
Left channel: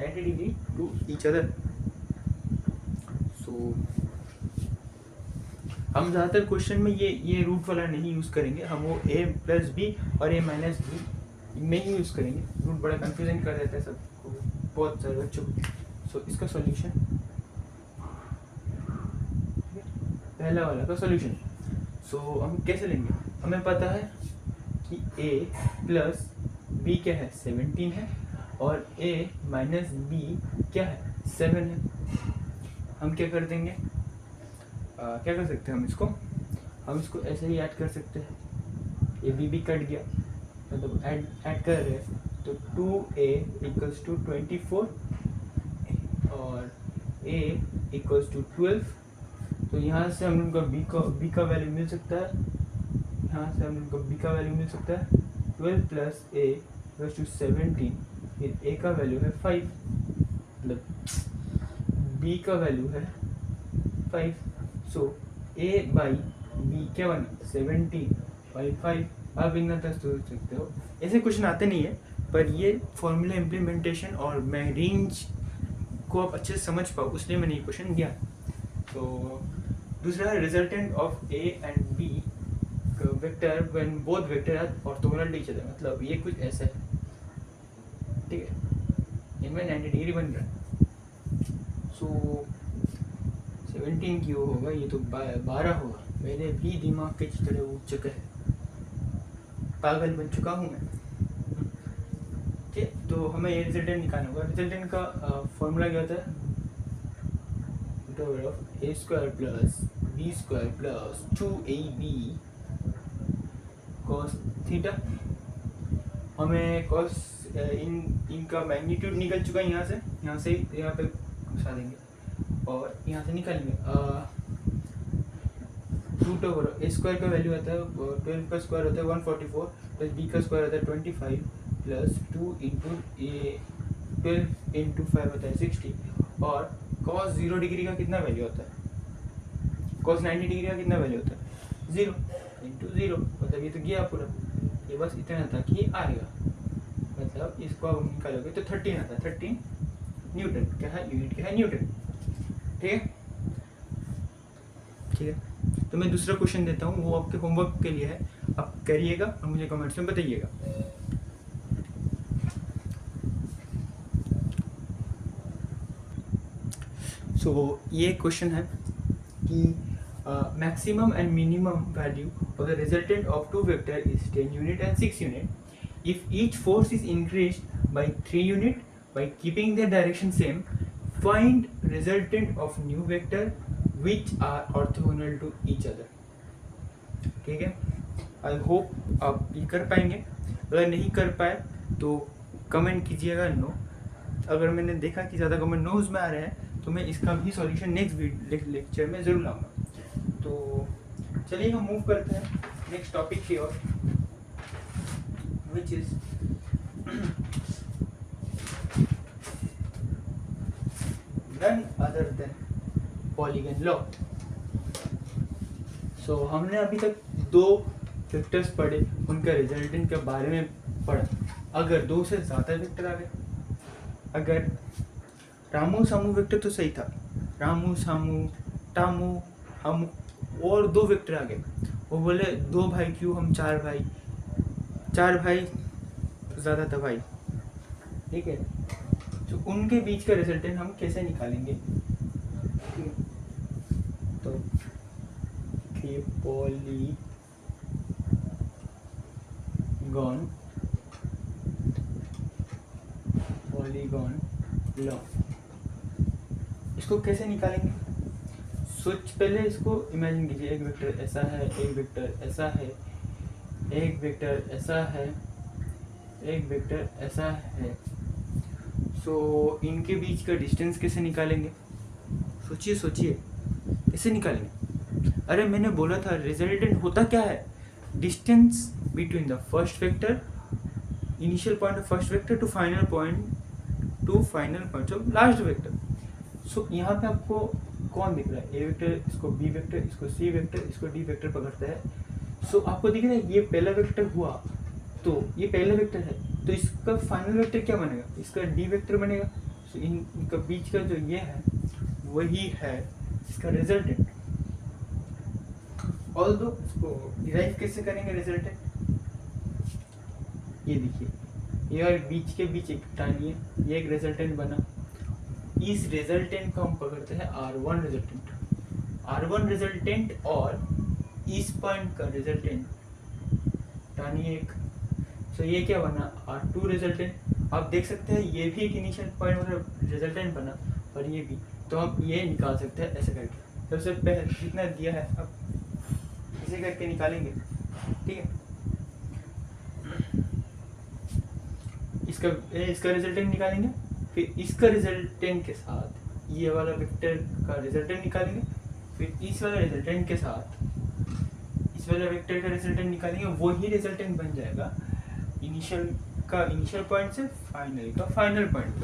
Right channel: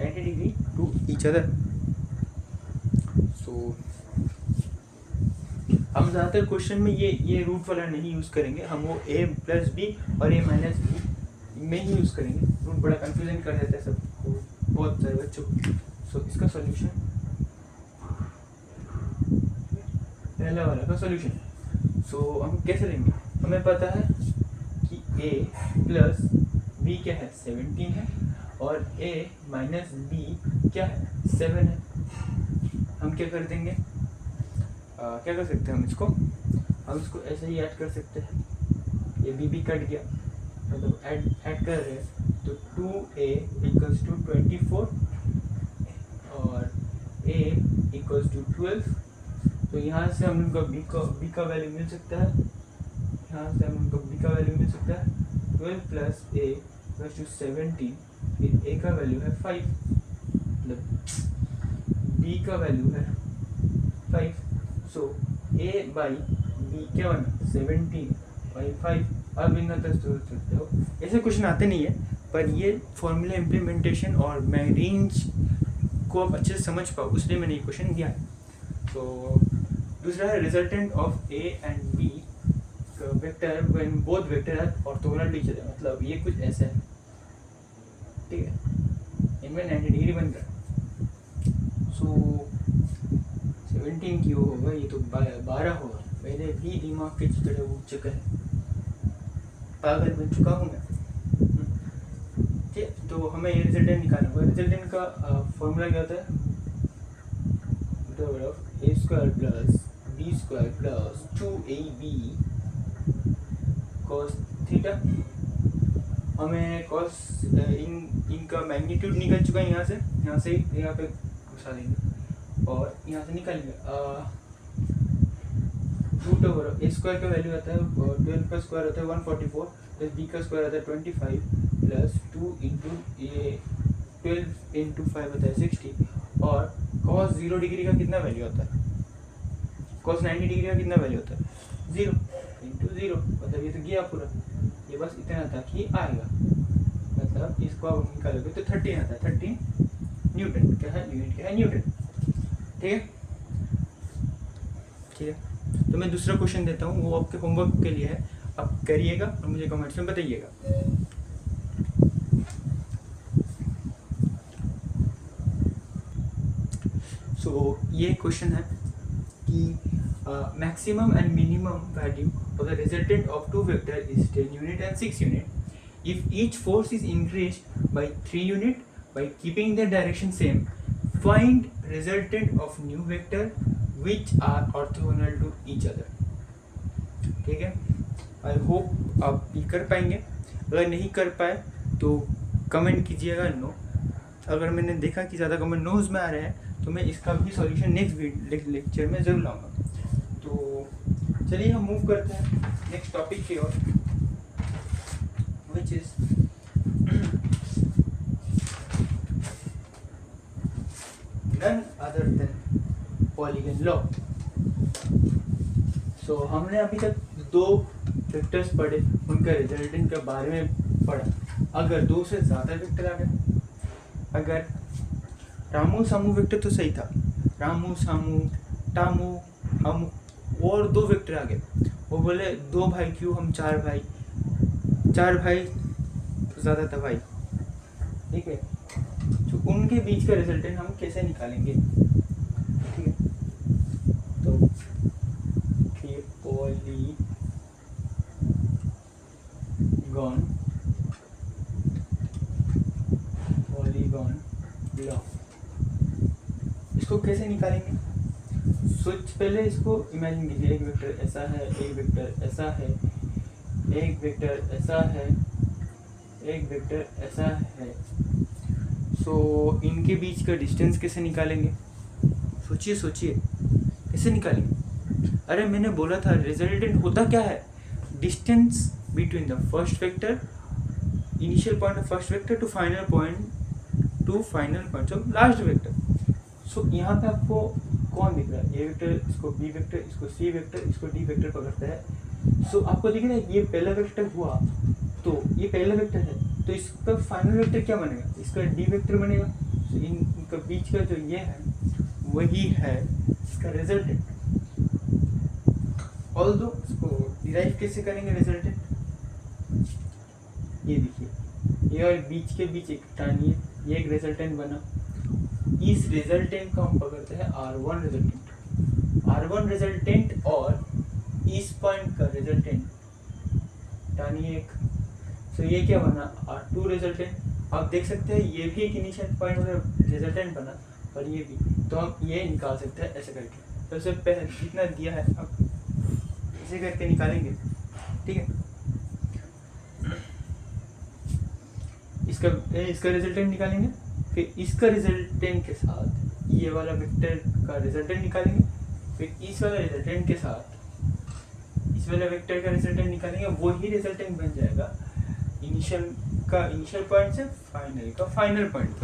90 डिग्री टू ईच अदर। सो हम ज़्यादातर क्वेश्चन में ये रूट वाला नहीं यूज़ करेंगे, हम वो ए प्लस बी और ए माइनस बी में ही यूज़ करेंगे। रूट बड़ा कंफ्यूजन कर देता है सबको, बहुत सारे बच्चों को। सो इसका सॉल्यूशन, पहला वाला का सॉल्यूशन, सो हम कैसे लेंगे, हमें पता है कि a प्लस बी क्या है, 17 है, और a माइनस बी क्या है, 7 है। हम क्या कर देंगे, क्या कर सकते हैं हम इसको ऐसे ही ऐड कर सकते हैं, ये b कट गया, मतलब ऐड कर रहे हैं तो 2a इक्वल्स टू 24 और a इक्वल्स टू 12। तो यहाँ से हम उनका b का वैल्यू मिल सकता है, यहाँ से हम उनका b का वैल्यू मिल सकता है 12 प्लस a इक्वल्स टू 17, फिर a का वैल्यू है 5, मतलब b का वैल्यू है 5। सो a बाई b क्या बना, 17 बाई 5। अब इतना तक सोच सकते हो, ऐसे क्वेश्चन आते नहीं है पर ये फॉर्मूला इम्प्लीमेंटेशन और मैं रेंज को आप अच्छे से समझ पाओ, उसलिए मैंने ये क्वेश्चन दिया। तो दूसरा है resultant of A and B vector when both vector are orthogonal to each other, मतलब ये कुछ ऐसा है, ठीक है, इनमें 90 डिग्री बन रहा है। सो 17 क्यों होगा, ये तो 12 होगा। मेरे भी दिमाग के चितड़े उठ चुके हैं, पागल बन चुका हूँ मैं। ठीक है, तो हमें ये रिजल्टेंट निकालना होगा। रिजल्टेंट का फॉर्मूला क्या होता है, a square plus b square plus 2ab cos theta. हमें cos इनका मैग्नीट्यूड निकल चुका है, यहाँ से यहाँ पे घुसा देंगे और यहाँ से निकालेंगे। रूट ओवर ए स्क्वायर का वैल्यू आता है 12 का स्क्वायर होता है 144 प्लस बी का स्क्वायर होता है 25 प्लस 2 इंटू ए 12 इंटू 5 होता है 60 और cos 0 डिग्री का कितना वैल्यू होता है, cos 90 डिग्री का कितना वैल्यू होता है 0 इंटू 0, मतलब ये तो गया पूरा, ये बस इतना था कि आएगा, मतलब इसको आप निकालोगे तो 13 आता है, 13 न्यूटन क्या है, यूनिट क्या है न्यूटन। ठीक है, ठीक है, तो मैं दूसरा क्वेश्चन देता हूँ, वो आपके होमवर्क के लिए है, आप करिएगा और मुझे कमेंट्स में बताइएगा। सो ये क्वेश्चन है कि maximum and minimum value of the resultant of two vector is 10 unit and 6 unit if each force is increased by 3 unit by keeping the direction same, find resultant of new vector which are orthogonal to each other। ठीक है, I hope आप ये कर पाएंगे, अगर नहीं कर पाए तो कमेंट कीजिएगा नो। अगर मैंने देखा कि ज़्यादा कमेंट नोज में आ रहे हैं तो मैं इसका भी सॉल्यूशन नेक्स्ट लेक्चर में ज़रूर लाऊंगा। तो चलिए हम मूव करते हैं नेक्स्ट टॉपिक की ओर, which is none other than polygon law. So हमने अभी तक दो वेक्टर्स पढ़े, उनका रिजल्टेंट के बारे में पढ़ा। अगर दो से ज़्यादा वेक्टर आ गए, अगर रामू सामू वेक्टर तो सही था, रामू सामू टामू हम और दो वेक्टर आ गए, वो बोले दो भाई क्यों, हम चार भाई ज़्यादा था भाई, ठीक है, तो उनके बीच का रिजल्टेंट हम कैसे निकालेंगे। तो पॉलीगॉन लॉ, इसको कैसे निकालेंगे। सोच पहले इसको इमेजिन कीजिए, एक वेक्टर ऐसा है, एक वेक्टर ऐसा है, एक वेक्टर ऐसा है, एक वेक्टर ऐसा है। सो इनके बीच का डिस्टेंस कैसे निकालेंगे, सोचिए कैसे निकालेंगे। अरे मैंने बोला था रिजल्टेंट होता क्या है, distance between the first vector, initial point of first vector to final point of last vector. So यहाँ पे आपको कौन दिख रहा है, ए वेक्टर, इसको बी वेक्टर, इसको सी वेक्टर, इसको डी वेक्टर पकड़ता है। सो आपको दिख रहा है ये पहला वेक्टर हुआ, तो ये पहला वेक्टर है, तो इसका फाइनल वेक्टर क्या बनेगा, इसका डी वेक्टर बनेगा। सो इनका बीच का जो ये है वही है इसका रिजल्टेंट। ऑल्दो इसको डिराइव कैसे करेंगे रिजल्टेंट, ये देखिए, ये और बीच के बीच एक टानिए, ये एक रिजल्टेंट बना, इस रिजल्टेंट को हम पकड़ते हैं R1 रिजल्टेंट और इस पॉइंट का रिजल्टेंट टानिए एक। सो ये क्या बना, R2 रिजल्टेंट। आप देख सकते हैं ये भी एक इनिशियल पॉइंट मतलब रिजल्टेंट बना और ये भी, तो हम ये निकाल सकते हैं ऐसे करके। तो सबसे पहले कितना दिया है, अब ऐसे करके निकालेंगे, ठीक है। इसका रिजल्टेंट निकालेंगे, फिर इसका रिजल्टेंट के साथ ये वाला वेक्टर का रिजल्टेंट निकालेंगे, फिर इस वाला रिजल्टेंट के साथ इस वाला वेक्टर का रिजल्टेंट निकालेंगे, वही रिजल्टेंट बन जाएगा इनिशियल पॉइंट से फाइनल पॉइंट।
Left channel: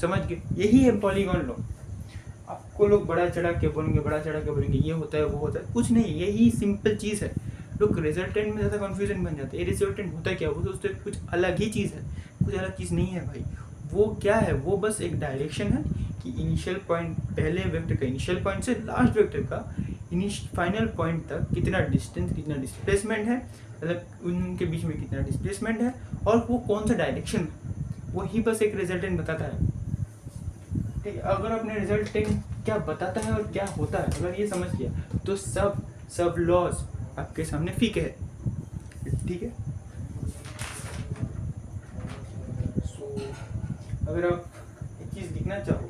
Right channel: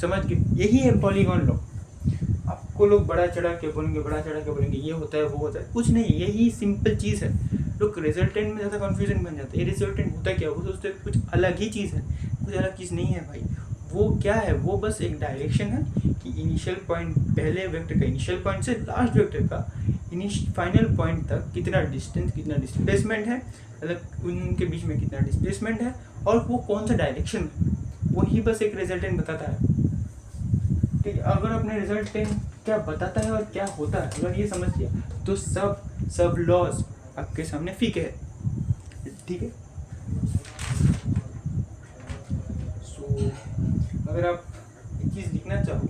समझ गए, यही है पॉलीगॉन लॉ। आपको लोग बड़ा चढ़ा के बोलेंगे ये होता है वो होता है, कुछ नहीं, यही सिंपल चीज़ है। लोग रिजल्टेंट में ज़्यादा कन्फ्यूजन बन जाता है। ये रिजल्टेंट होता क्या है, वो सोचते हैं कुछ अलग ही चीज़ है, कुछ अलग चीज़ नहीं है भाई। वो क्या है, वो बस एक डायरेक्शन है कि इनिशियल पॉइंट, पहले वेक्टर का इनिशियल पॉइंट से लास्ट वेक्टर का फाइनल पॉइंट तक कितना डिस्टेंस, कितना डिस्प्लेसमेंट है, मतलब उनके बीच में कितना डिस्प्लेसमेंट है और वो कौन सा डायरेक्शन में, वही बस एक रिजल्टेंट बताता है। ठीक है, अगर अपने रिजल्टेंट क्या बताता है और क्या होता है, अगर ये समझ लिया तो सब लॉज आपके सामने फीके है। ठीक है, सो अगर आप एक चीज़ लिखना चाहो,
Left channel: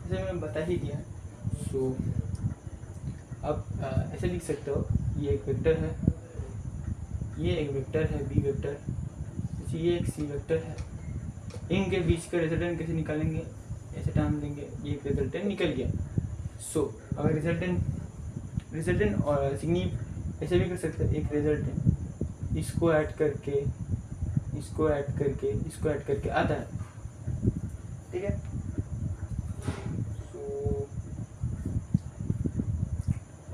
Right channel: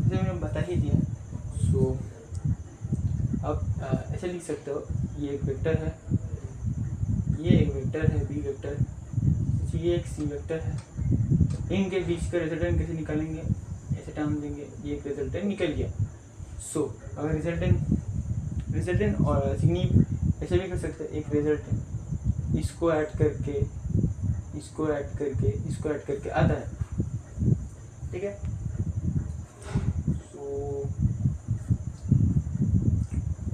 जैसे मैंने बता ही दिया, सो आप ऐसे लिख सकते हो, ये एक वेक्टर है, ये एक वेक्टर है बी वेक्टर, ये एक सी वेक्टर है, इनके बीच का रिजल्टेंट कैसे निकालेंगे, ऐसे टर्म देंगे, ये एक रिजल्टेंट निकल गया। सो अगर रिजल्टेंट और सिग्निफ ऐसे भी कर सकते हैं, एक रिजल्टेंट इसको ऐड करके इसको ऐड करके आता है। ठीक है, सो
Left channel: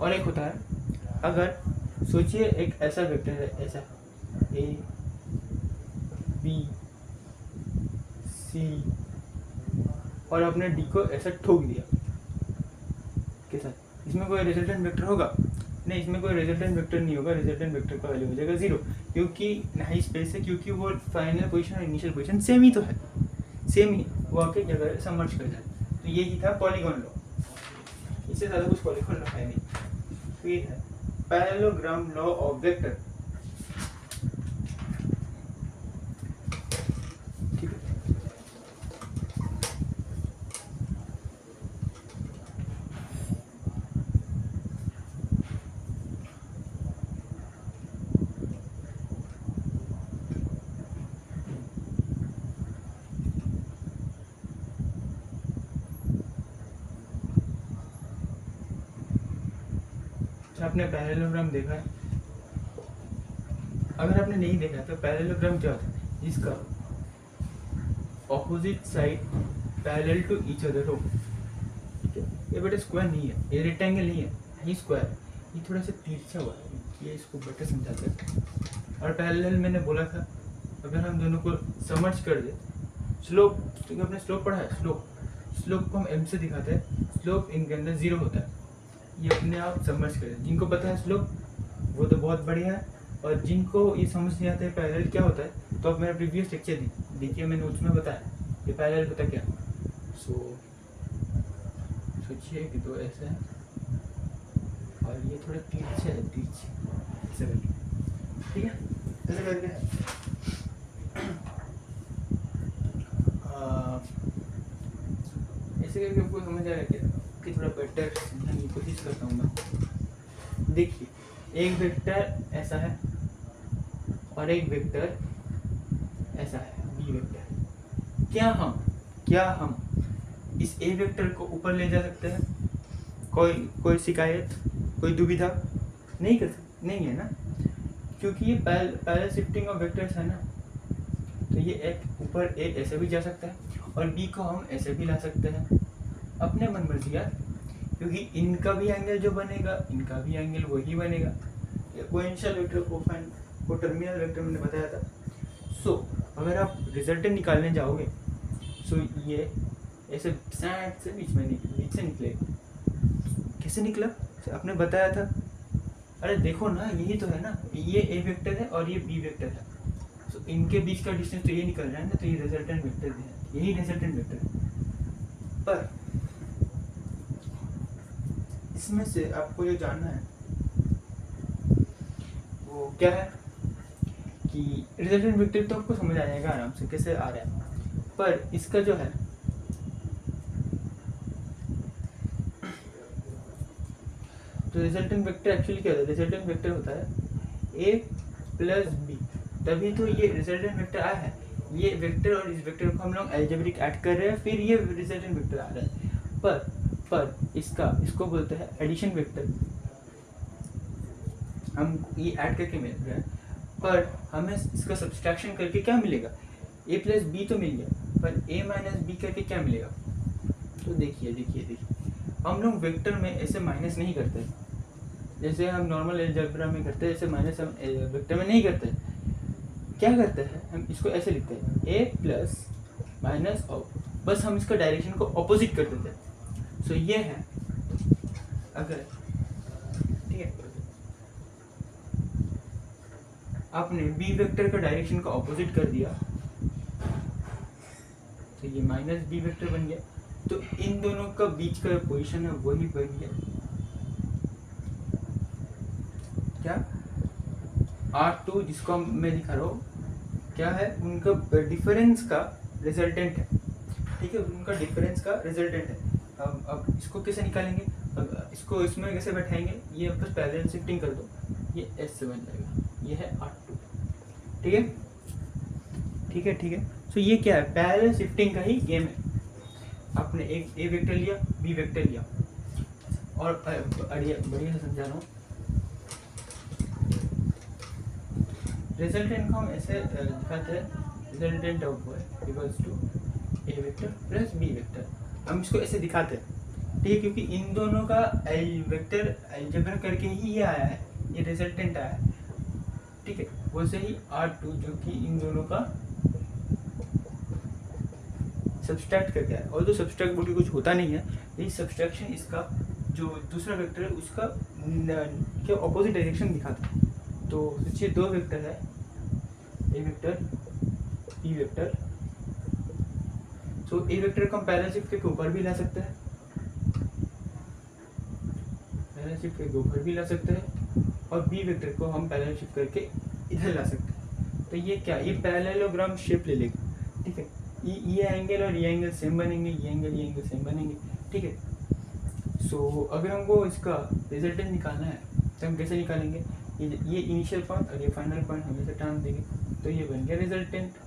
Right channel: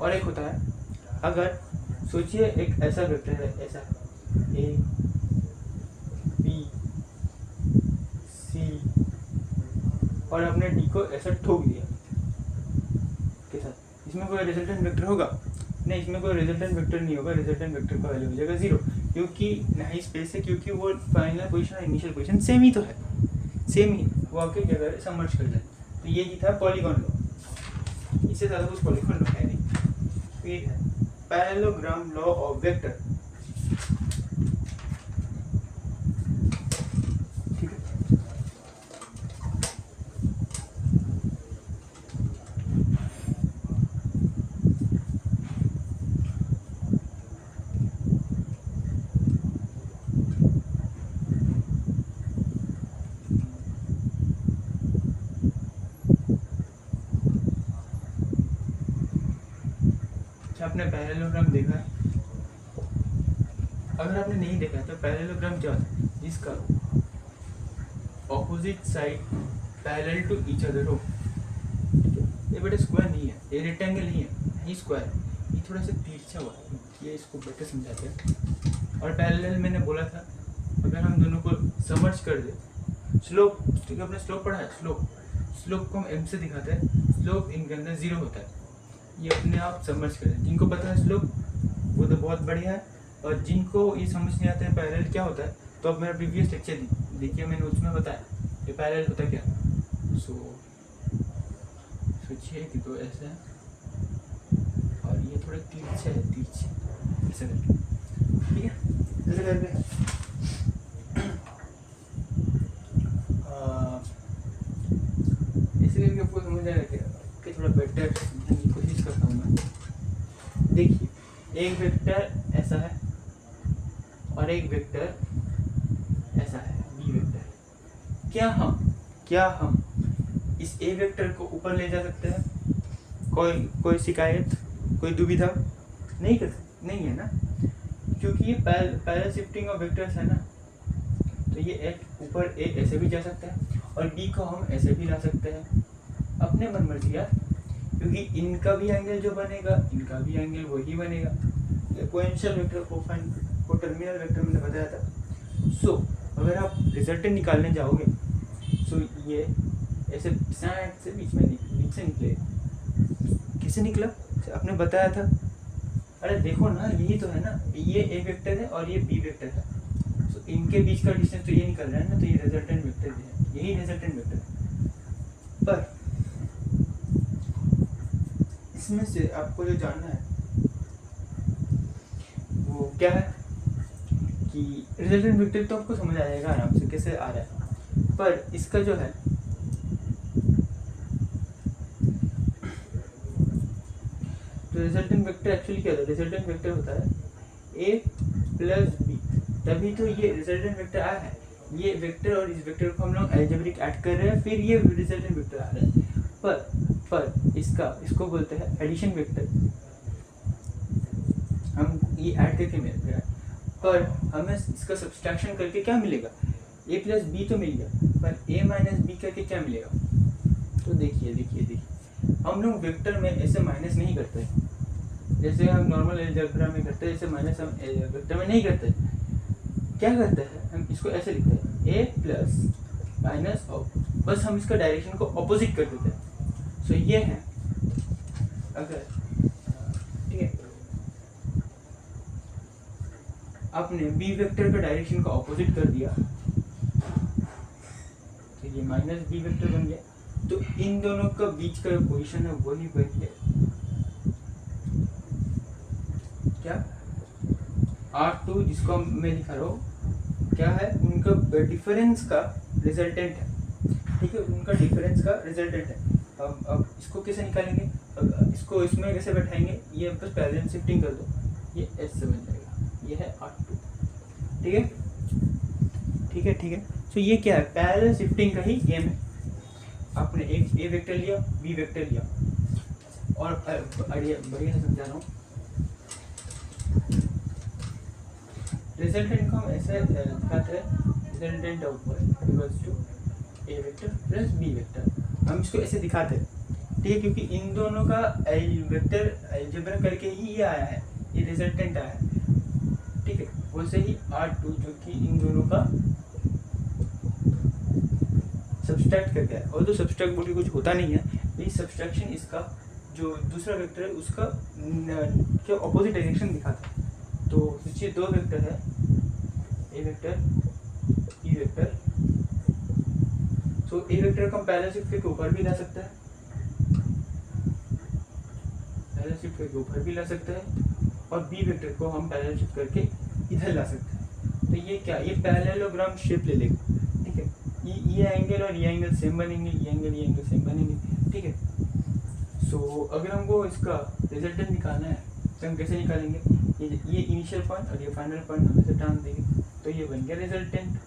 और एक होता है, अगर सोचिए एक ऐसा वेक्टर है, ऐसा ए बी सी, और आपने डी को ऐसा ठोक दिया के साथ, इसमें कोई रिजल्टेंट वेक्टर होगा नहीं, इसमें कोई रिजल्टेंट वेक्टर नहीं होगा, रिजल्टेंट वेक्टर का वैल्यू हो जाएगा 0, क्योंकि नहीं स्पेस है, क्योंकि वो फाइनल पोजीशन और इनिशियल पोजीशन सेम ही तो है, सेम ही, वो आके जगह समर्ज कर जाए। तो यही था पॉलीगॉन लॉ, इससे ज़्यादा कुछ पॉलीगॉन लॉ है नहीं। तो ये है पैरेललोग्राम लॉ ऑफ वेक्टर। ठीक है, आपने पैरेललोग्राम देखा है? अगर आपने नहीं देखा है तो पैरेललोग्राम क्या होता है, जिसका opposite side parallel to each other हो। ठीक है, ये बेटा स्क्वायर नहीं है, ये रेक्टेंगल नहीं है, ये स्क्वायर, ये थोड़ा सा तिरछा हुआ है, ये इसको बेटर समझाते हैं। और पैरेलल मैंने बोला था, अगर हम दोनों को समर्ज कर दे, स्लोप, क्योंकि आपने स्लोप पढ़ा है, स्लोप को हम एम से दिखाते हैं, स्लोप इनके अंदर 0 होता है, ये अपने आप समझ करें। जिनको पता है स्लोप वो तो बहुत बढ़िया है, और जिनको ये समझ नहीं आता है पैरेलल क्या होता है, तो अब मेरा प्रीवियस लेक्चर देखिए, मैंने उसमें बताया ये पैरेलल होता क्या। सोचिए कि तो ऐसा है और ये थोड़ा तिरछा है, ऐसा करके, ठीक है, ऐसा करके है। ऐसे करके आपको समझ आएगा क्या कि थोड़ा बेटर समझने की कोशिश करता हूँ मैं। देखिए, एक वेक्टर ऐसा है और एक वेक्टर ऐसा है, बी वेक्टर। क्या हम इस ए वेक्टर को ऊपर ले जा सकते हैं? कोई शिकायत, कोई दुविधा नहीं है ना, क्योंकि ये पैरेलल शिफ्टिंग ऑफ वेक्टर्स है ना, तो ये एक ऊपर ए ऐसे भी जा सकता है और बी को हम ऐसे भी ला सकते हैं, अपने मन मर्जी यार, क्योंकि इनका भी एंगल जो बनेगा, इनका भी एंगल वही बनेगा। कोएफिशिएंट वेक्टर को टर्मिनल वेक्टर मैंने बताया था। सो अगर आप रिजल्टेंट निकालने जाओगे, सो ये ऐसे साइड से बीच से निकलेगा। कैसे निकला आपने बताया था? अरे देखो ना, यही तो है ना, ये ए वेक्टर है और ये बी वेक्टर है, सो इनके बीच का डिस्टेंस तो ये निकल रहा है ना, तो ये रिजल्टेंट वेक्टर है, यही रिजल्टेंट वेक्टर है। पर इसमें से आपको जो जानना है वो क्या है कि रिजल्टेंट वेक्टर तो आपको समझ आ जाएगा आराम से कैसे आ रहा है, पर इसका जो है तो रिजल्टेंट वेक्टर एक्चुअली क्या होता है? रिजल्टेंट वेक्टर होता है ए प्लस बी, तभी तो ये रिजल्टेंट वेक्टर आया है। ये वेक्टर और इस वेक्टर को हम लोग अलजेब्रिक ऐड कर रहे हैं, फिर ये रिजल्टेंट वेक्टर आ रहा है। पर इसको बोलते हैं एडिशन वेक्टर। हम ये ऐड करके मिल रहा है, पर हमें इसका सब्सट्रैक्शन करके क्या मिलेगा? ए प्लस बी तो मिल गया, पर ए माइनस बी करके क्या मिलेगा? तो देखिए हम लोग वेक्टर में ऐसे माइनस नहीं करते, जैसे हम नॉर्मल अलजेब्रा में करते हैं, जैसे माइनस हम वेक्टर में नहीं करते। क्या करते हैं, हम इसको ऐसे लिखते हैं ए प्लस माइनस ऑफ, बस हम इसका डायरेक्शन को ऑपोजिट कर देते हैं। सो ये है, अगर ठीक है आपने बी वेक्टर का डायरेक्शन का ऑपोजिट कर दिया तो ये माइनस बी वेक्टर बन गया, तो इन दोनों का बीच का पोजीशन है वही बन गया क्या, R2 जिसको मैं दिखा रहा हूँ क्या है, उनका डिफरेंस का रिजल्टेंट है। ठीक है, उनका डिफरेंस का रिजल्टेंट है। अब इसको कैसे निकालेंगे, अब इसको इसमें कैसे बैठाएंगे, ये बस पैरेलल शिफ्टिंग कर दो, ये S से बन जाएगा, ये है R2। ठीक है ठीक है ठीक है। सो ये क्या है, पैरेलल शिफ्टिंग का ही गेम है। आपने एक ए वेक्टर लिया, बी वेक्टर लिया, और बढ़िया से समझा रहा हूँ। रिजल्टेंट को हम ऐसे दिखाते हैं, resultant of y equals to A vector plus B vector. हम इसको ऐसे दिखाते हैं, ठीक है, क्योंकि इन दोनों का वेक्टर अलजेब्रा करके ही ये आया है, ये रिजल्टेंट आया है। ठीक है, वैसे ही R2 जो कि इन दोनों का सब्सट्रैक्ट करके आया, और जो सब्सट्रैक्ट बोल के कुछ होता नहीं है, ये सब्सट्रैक्शन इसका जो दूसरा वेक्टर है उसका क्या ऑपोजिट डायरेक्शन दिखाता है। तो सोचिए दो वेक्टर है, A vector E vector. So A vector को हम पैरेलल शिफ्ट करके ऊपर भी ला सकते हैं, पैरेलल शिफ्ट करके ऊपर भी ला सकते हैं, और बी वेक्टर को हम पैरेलल शिफ्ट करके इधर ला सकते हैं। तो ये क्या, ये पैरेललोग्राम शेप ले लेगा। ठीक है, ये एंगल और ये एंगल सेम बनेंगे, ये एंगल सेम बनेंगे। ठीक है, सो अगर हमको इसका रिजल्टेंट निकालना है तो हम कैसे निकालेंगे, ये इनिशियल पॉइंट और ये फाइनल पॉइंट हम ऐसे टान देंगे, तो ये बन गया रिजल्टेंट।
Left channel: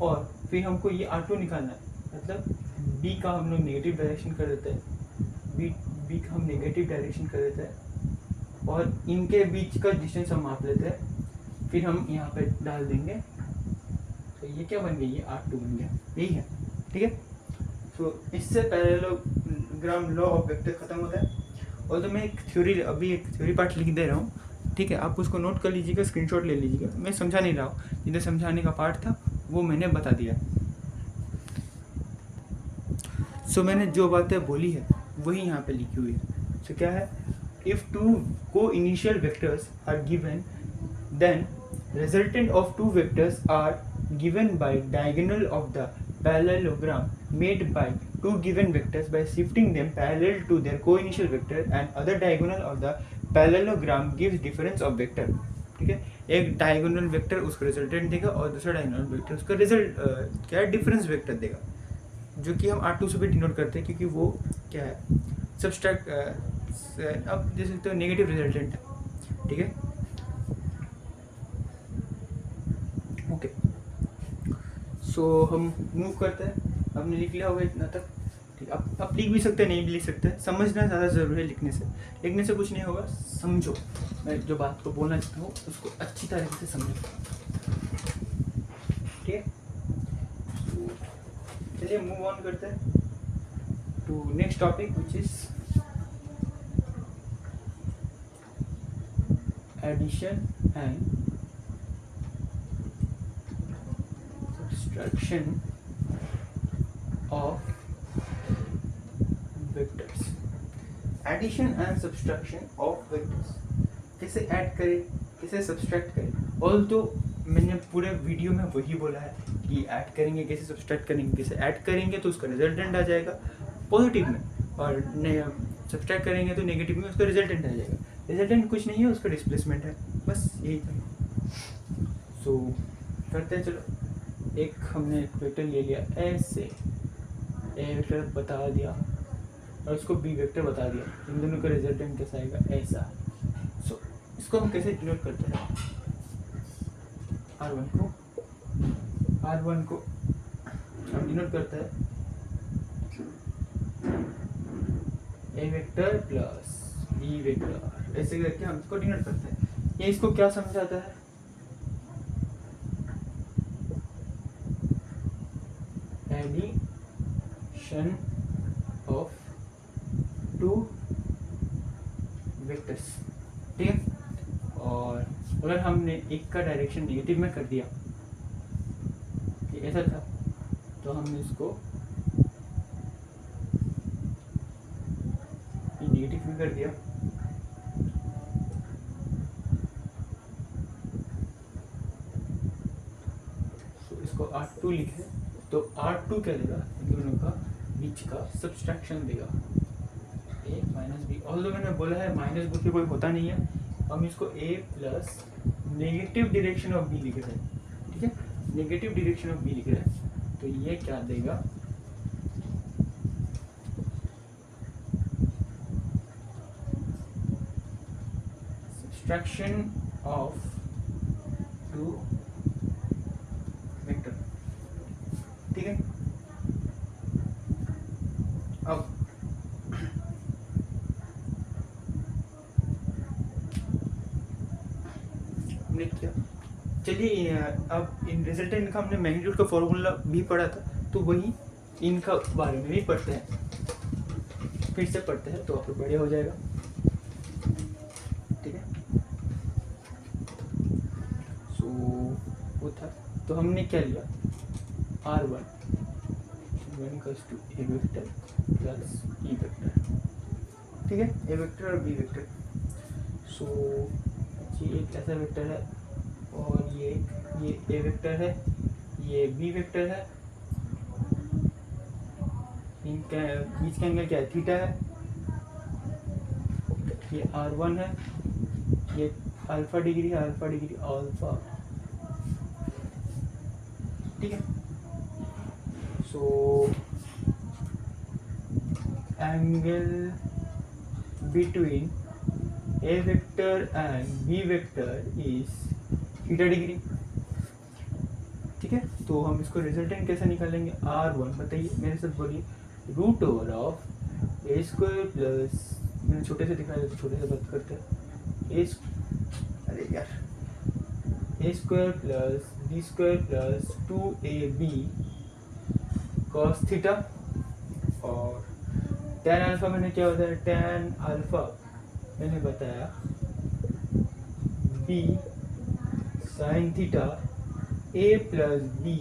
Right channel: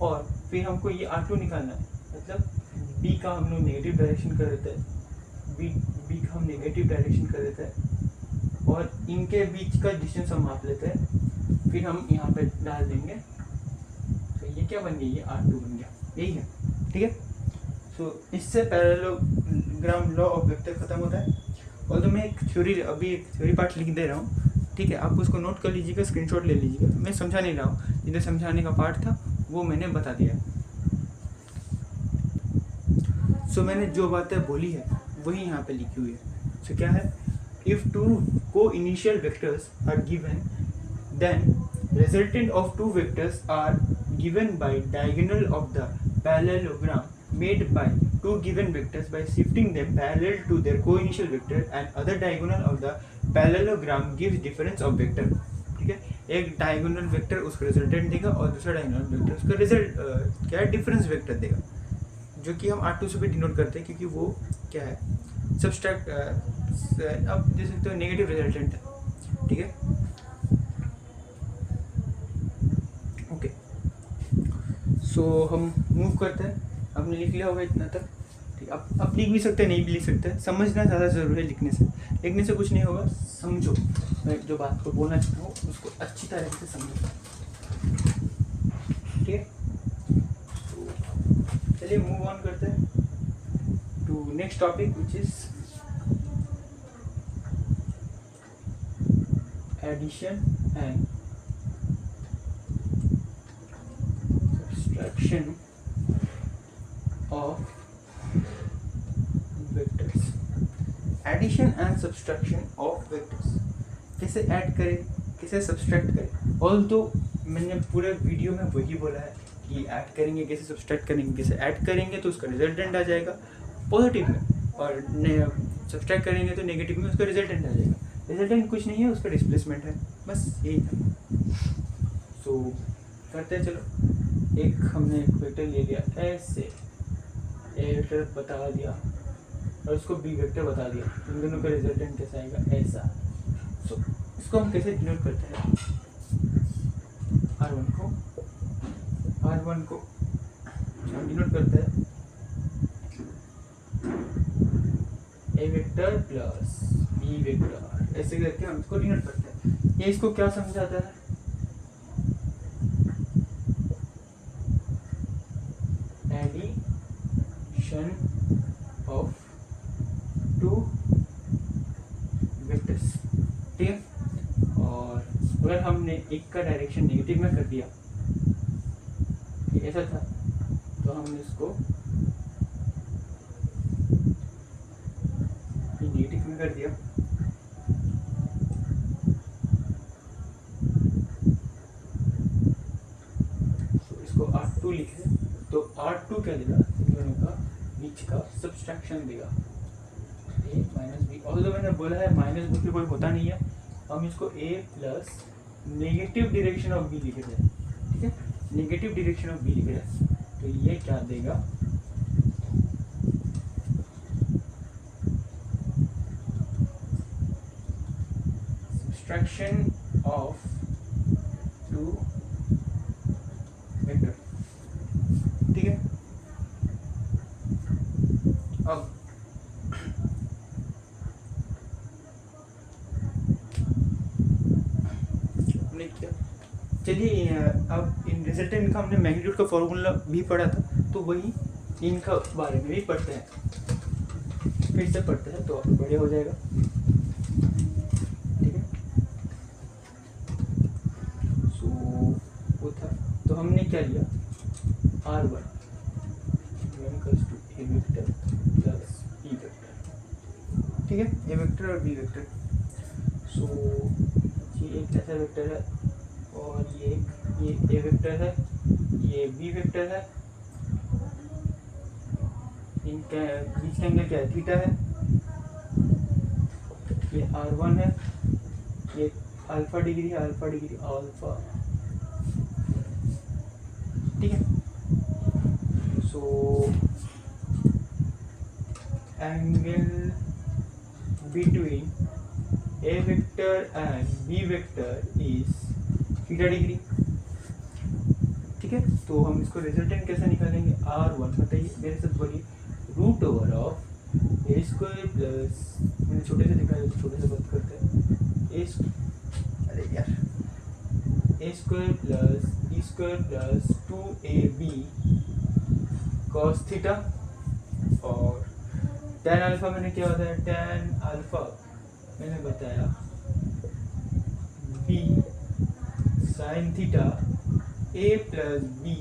और फिर हमको ये R2 निकालना है, मतलब B का हम लोग नेगेटिव डायरेक्शन कर देते हैं, B का हम नेगेटिव डायरेक्शन कर देते हैं, और इनके बीच का डिस्टेंस हम माप लेते हैं, फिर हम यहाँ पे डाल देंगे, तो ये क्या बन गया, ये R2 बन गया। यही है, ठीक है। सो इससे पैरेललोग्राम लॉ ऑफ वेक्टर खत्म होता है। और तो मैं एक थ्योरी पार्ट लिख दे रहा हूँ, ठीक है, आप उसको नोट कर लीजिएगा, स्क्रीनशॉट ले लीजिएगा। मैं समझा नहीं रहा हूँ, जिधर समझाने का पार्ट था वो मैंने बता दिया। सो मैंने जो बातें बोली है वही यहाँ पे लिखी हुई है। सो क्या है, if two coinitial vectors are given then resultant of two vectors are given by diagonal of the parallelogram made by two given vectors by shifting them parallel to their co-initial vector, and other diagonal of the parallelogram gives difference of vector। ठीक है, एक diagonal vector उसका resultant देगा और दूसरा diagonal vector उसका result क्या है, डिफरेंस वेक्टर देगा, जो कि हम R2 से भी डिनोट करते हैं, क्योंकि वो क्या है, सब्सट्रैक्ट अब देख सकते हो नेगेटिव रिजल्टेंट है। ठीक है, ओके। सो हम मूव करते हैं, हमने लिख लिया होगा इतना तक। ठीक, अब लिख भी सकते हैं, नहीं भी लिख सकते, समझना ज़्यादा ज़रूरी है। लिखने से कुछ नहीं होगा, समझो, मैं जो बात को बोलना चाहता हूँ उसको अच्छी तरह से समझो। ठीक है, चलिए मूव ऑन करते हैं to next topic which is addition and subtraction of vectors. Addition and subtraction of vectors, कैसे ऐड करें, कैसे सब्सट्रैक्ट करें। ऑल तो मैंने पूरे वीडियो में वही बोला है कि ऐड करेंगे कैसे, सब्सट्रैक्ट करेंगे कैसे। ऐड करेंगे तो उसका रिजल्टेंट आ जाएगा पॉजिटिव में, और सब्सट्रैक्ट करेंगे तो नेगेटिव में उसका रिजल्टेंट आ जाएगा। रिजल्टेंट कुछ नहीं है, उसका डिस्प्लेसमेंट है, बस यही था। सो करते हैं, चलो। एक हमने एक वेक्टर ले लिया ऐसे, ए वेक्टर बता दिया और उसको बी वेक्टर बता दिया, इन दोनों का रिजल्टेंट कैसा आएगा, ऐसा। सो इसको हम कैसे डिनोट करते हैं, R1 को हम डिनोट करते हैं ए वेक्टर प्लस बी वेक्टर, ऐसे करके हम इसको डिनोट करते हैं। ये इसको क्या समझाता है, एडिशन ऑफ टू वेक्टर्स। हमने एक का डायरेक्शन नेगेटिव में कर दिया, ये ऐसा था, तो हमने इसको नेगेटिव में कर दिया, तो इसको R2 लिखे, तो R2 क्या देगा, इन दोनों का बीच का सब्सट्रैक्शन देगा, a माइनस बी। ऑल्दो मैंने बोला है माइनस बी कोई होता नहीं है, हम इसको a plus negative direction of b लिख रहे हैं, ठीक है, नेगेटिव डायरेक्शन ऑफ b लिख रहे हैं, तो ये क्या देगा, सब्सट्रैक्शन ऑफ टू वेक्टर, ठीक है। अब हमने क्या, चलिए अब इन रिजल्टेंट का हमने मैग्नीट्यूड का फॉर्मूला भी पढ़ा था, तो वही इनका बारे में भी पढ़ते हैं, फिर से पढ़ते हैं तो आप बढ़िया हो जाएगा, ठीक है। सो वो था, तो हमने क्या लिया, R1 equals to A vector plus B vector, ठीक है, ए वेक्टर और बी वेक्टर। सो ये एक ऐसा वेक्टर है और ये ए वेक्टर है, ये बी वेक्टर है, इनका बीच का एंगल क्या है, थीटा है, ये R1 है, ये अल्फा डिग्री है, अल्फा डिग्री अल्फा, ठीक है। So angle between A vector and B vector is theta degree, ठीक है। तो हम इसको रिजल्टेंट कैसे निकालेंगे, R1 बताइए मेरे साथ बोलिए, root over of A square plus, मैंने छोटे से दिखाया तो छोटे से बात करते हैं, अरे यार, A square plus B square plus 2ab cos theta, और tan अल्फा मैंने क्या बताया, tan अल्फा मैंने बताया b sin theta a plus b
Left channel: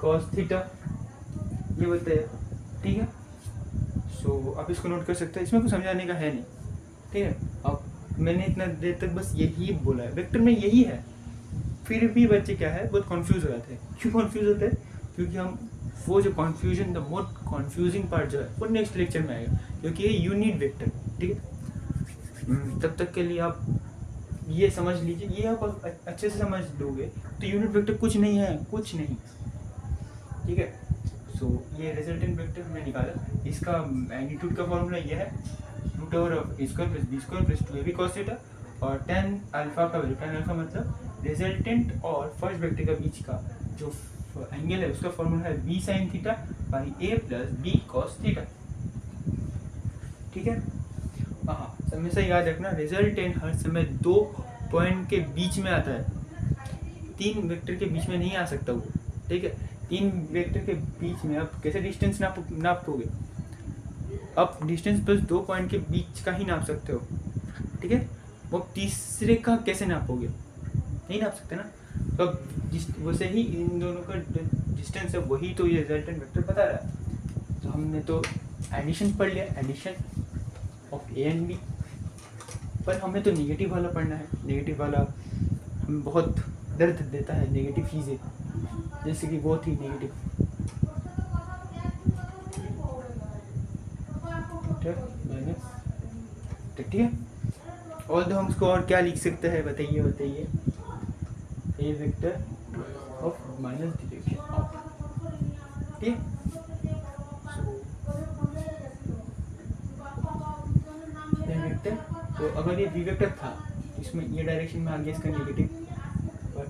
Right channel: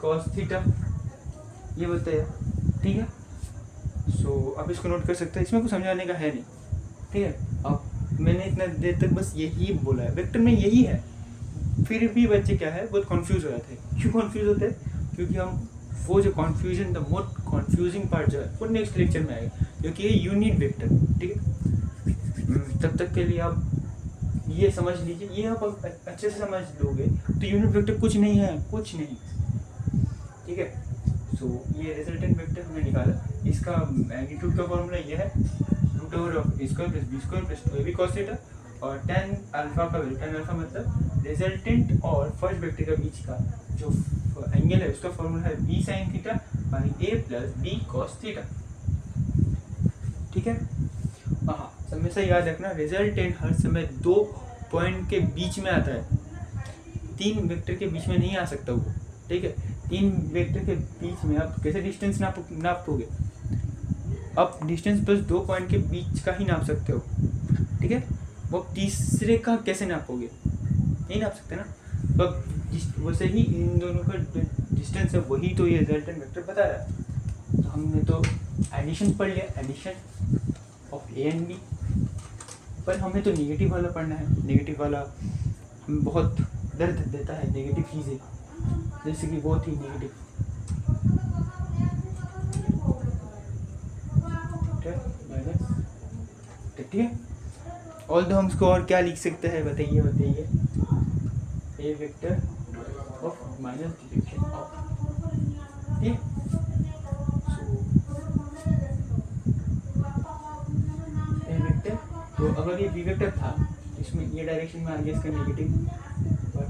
cos theta, ये बताया, ठीक है। सो आप इसको नोट कर सकते हैं, इसमें कुछ समझाने का है नहीं, ठीक है। अब मैंने इतना देर तक बस यही बोला है, वेक्टर में यही है, फिर भी बच्चे क्या है बहुत कंफ्यूज हो जाते हैं। क्यों कंफ्यूज होते हैं, क्योंकि हम वो जो confusion, the most confusing part जो है वो नेक्स्ट लेक्चर में आएगा, क्योंकि ये यूनिट वेक्टर, ठीक है। तब तक के लिए आप ये समझ लीजिए, ये आप अच्छे से समझ लोगे तो यूनिट वेक्टर कुछ नहीं है, कुछ नहीं, ठीक है। सो ये रिजल्टेंट वेक्टर हमने निकाला, इसका मैग्नीट्यूड का फॉर्मूला ये है, root over of A square plus B square plus 2ab cos theta, और tan अल्फा का वैल्यू, tan अल्फा मतलब रिजल्टेंट और फर्स्ट वेक्टर के बीच का जो एंगल है उसका फॉर्मूला है b sin theta by a plus b cos theta, ठीक है। हाँ, हमेशा याद रखना, रिजल्टेंट हर समय दो पॉइंट के बीच में आता है, तीन वेक्टर के बीच में नहीं आ सकता वो, ठीक है। तीन वेक्टर के बीच में आप कैसे डिस्टेंस नापोगे, आप डिस्टेंस बस दो पॉइंट के बीच का ही नाप सकते हो, ठीक है। वो तीसरे का कैसे नापोगे, नहीं नाप सकते ना, तो अब वैसे ही इन दोनों का डिस्टेंस है, वही तो ये रिजल्टेंट वेक्टर बता रहा है। तो हमने तो एडिशन पढ़ लिया, addition of A and B, पर हमें तो नेगेटिव वाला पढ़ना है, नेगेटिव वाला हमें बहुत दर्द देता है, नेगेटिव चीज़ें, जैसे कि वो थी नेगेटिव, माइनस, ठीक है। और तो हम उसको और क्या लिख सकते हैं, बताइए, A vector of minus direction of, ठीक है। ए वेक्टर, तो अगर ये बी वेक्टर था, इसमें ये डायरेक्शन में आ गया इसका नेगेटिव, बट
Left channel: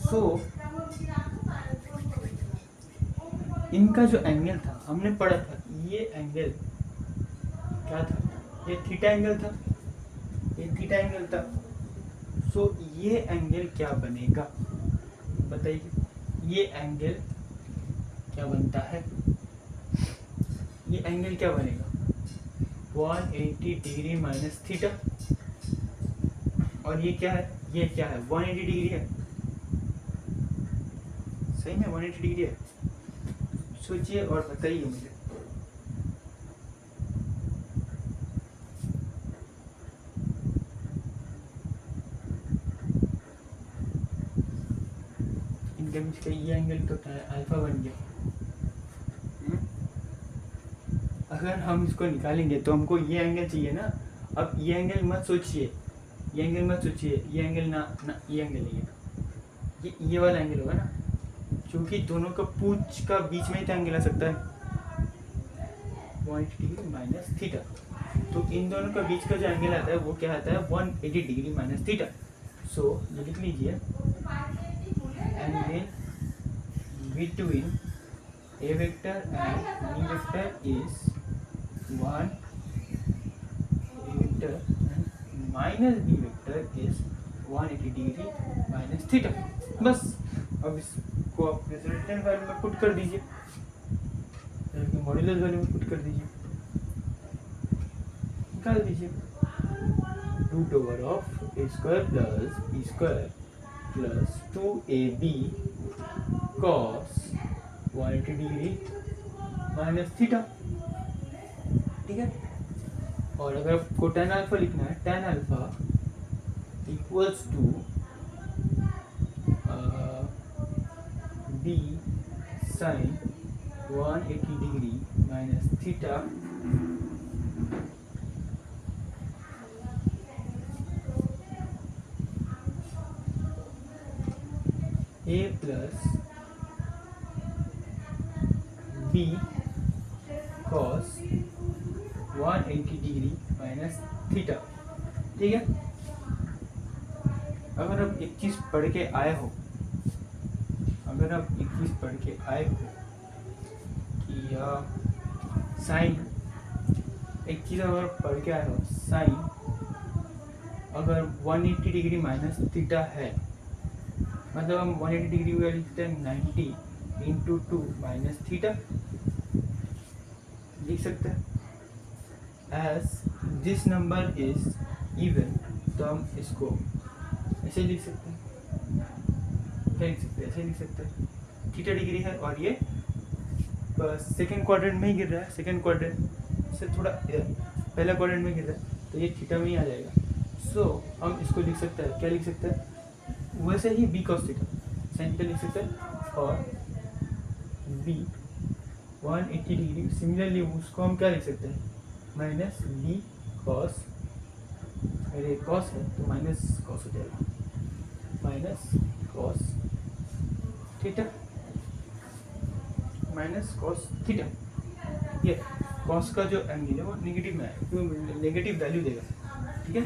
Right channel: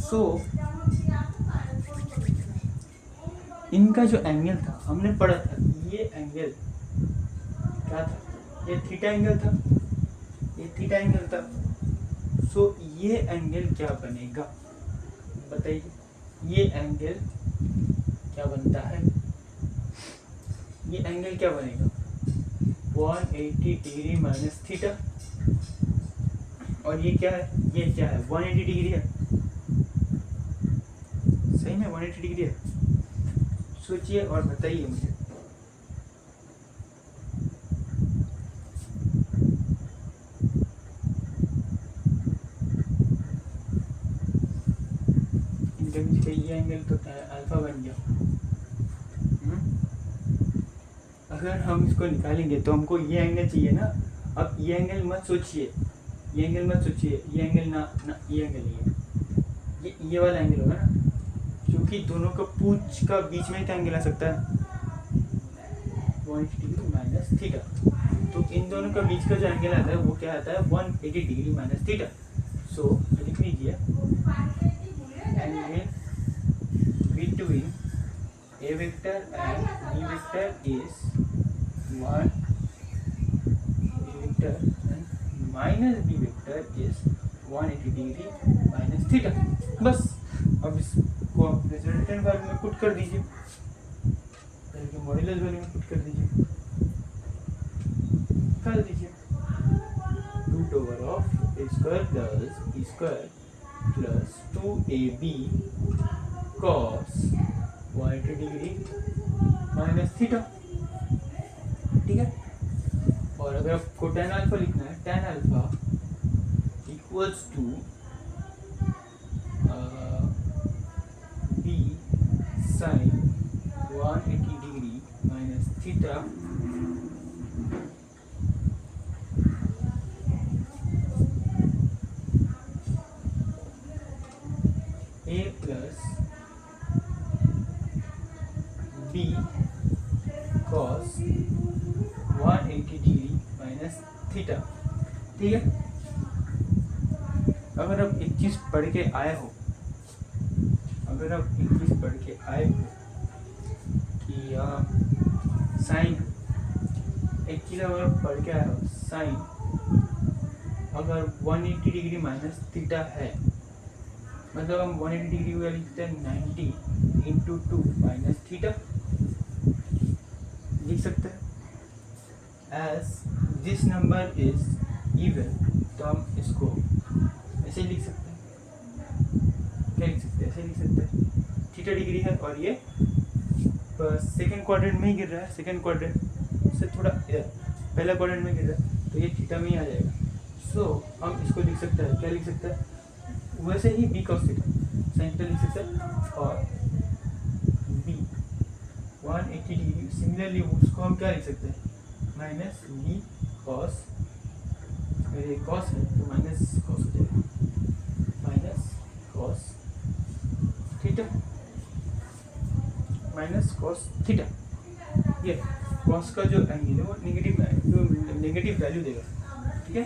सो इनका जो एंगल था हमने पढ़ा था, ये एंगल क्या था, ये थीटा एंगल था, ये थीटा एंगल था। सो ये एंगल क्या बनेगा, बताइए, ये एंगल क्या बनता है, ये एंगल क्या बनेगा 180 डिग्री माइनस थीटा, और ये क्या है 180 डिग्री है, सही में 180 डिग्री है। सोचिए और बताइए मुझे। इनके बीच का ये एंगल तो क्या है अल्फा बन गया। अगर हम इसको निकालेंगे तो हमको ये एंगल चाहिए ना। अब ये एंगल मत सोचिए, ये एंगल मत सोचिए, ये एंगल ना ये एंगल नहीं है, ये वाला एंगल होगा ना, क्योंकि दोनों का पूंछ का बीच में ही तो एंगल आ सकता है 180 डिग्री माइनस थीटा। तो इन दोनों का बीच का जो एंगल आता है वो क्या आता है 180 डिग्री माइनस थीटा। सो लिख लीजिए angle between A vector and B vector is 1, A vector and minus B vector is 180 degree minus theta. बस अब इसको आप रिजल्टेंट वैल्यू में पुट कर दीजिए, मॉड्यूलस वैल्यू में पुट कर दीजिए, निकाल दीजिए root over of A square plus B square plus 2ab cos 180 degree minus theta. ठीक है, और अगर आपको tan अल्फा लिखना है, tan alpha equals to b sin 180 degree minus theta a plus b cos 180 degree minus theta. ठीक है, अगर आप एक चीज पढ़ के आए हो, कि साइन, एक चीज अगर पढ़ के आए हो, साइन अगर 180 डिग्री माइनस थीटा है, मतलब हम 180 डिग्री को लिखते हैं 90 इंटू 2 माइनस थीटा, लिख सकते हैं as this number is even. तो हम इसको ऐसे लिख सकते हैं, क्या लिख सकते हैं, ऐसे लिख सकते हैं थीटा डिग्री है और ये सेकेंड क्वाड्रेंट में ही गिर रहा है, सेकेंड क्वाड्रेंट से थोड़ा इधर पहला क्वाड्रेंट में गिर रहा है, तो ये थीटा में ही आ जाएगा। सो हम इसको लिख सकते हैं, क्या लिख सकते हैं, वैसे ही b cos theta sine theta लिख सकते हैं, और b 180 डिग्री सिमिलरली उसको हम क्या लिख सकते हैं माइनस b cos, अरे cos है तो माइनस cos हो जाएगा, minus cos theta, minus cos theta. ये cos का जो एंगल है वो नेगेटिव वैल्यू देगा। ठीक है,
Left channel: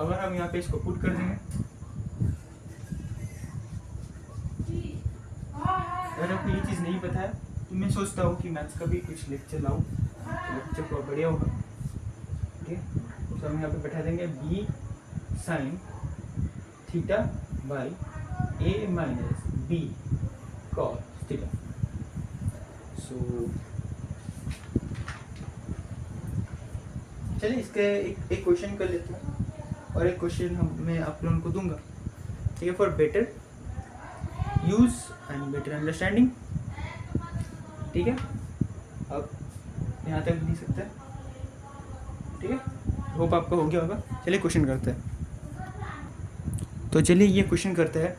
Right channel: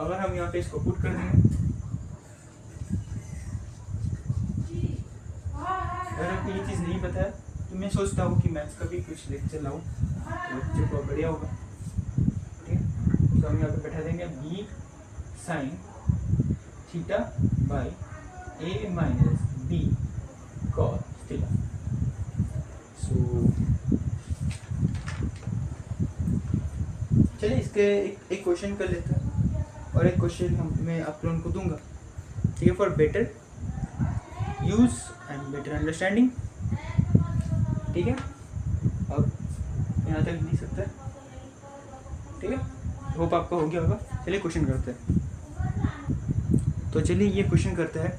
अगर हम यहाँ पे इसको पुट कर देंगे, अगर आपको ये चीज़ नहीं पता है तो मैं सोचता हूँ कि मैथ्स का भी कुछ लेक्चर लाऊँ, लेक्चर को बढ़िया होगा। ठीक है, तो हम यहाँ पे बैठा देंगे b sine theta by a minus b cos theta. So चलिए इसके एक क्वेश्चन कर लेते हैं, और एक क्वेश्चन मैं आप लोगों को दूंगा। ठीक है, for better use and better understanding. ठीक है, अब यहाँ तक लिख सकते हैं। ठीक है, होप आपका हो गया होगा। चलिए क्वेश्चन करते हैं। तो चलिए ये क्वेश्चन करते हैं।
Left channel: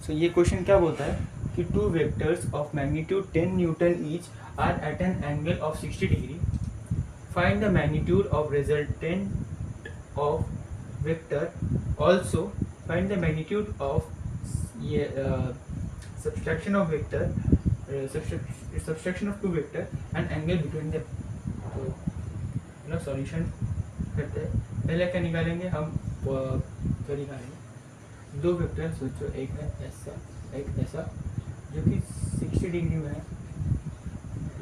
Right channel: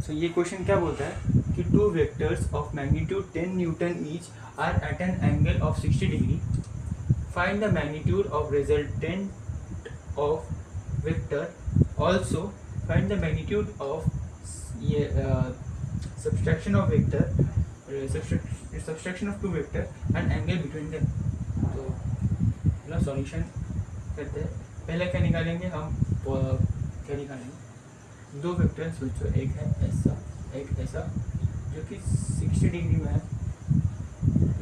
सो ये क्वेश्चन क्या बोलता है कि two vectors of magnitude 10 newton each are at an angle of 60 degree. Find the magnitude of resultant of vector. Also find the magnitude of ये subtraction of vector, subtraction of two vector and angle between them। तो no solution करते हैं। पहले क्या निकालेंगे हम, क्या निकालेंगे, दो वेक्टर सोचो, एक है ऐसा, एक ऐसा, जो कि 60 डिग्री में है,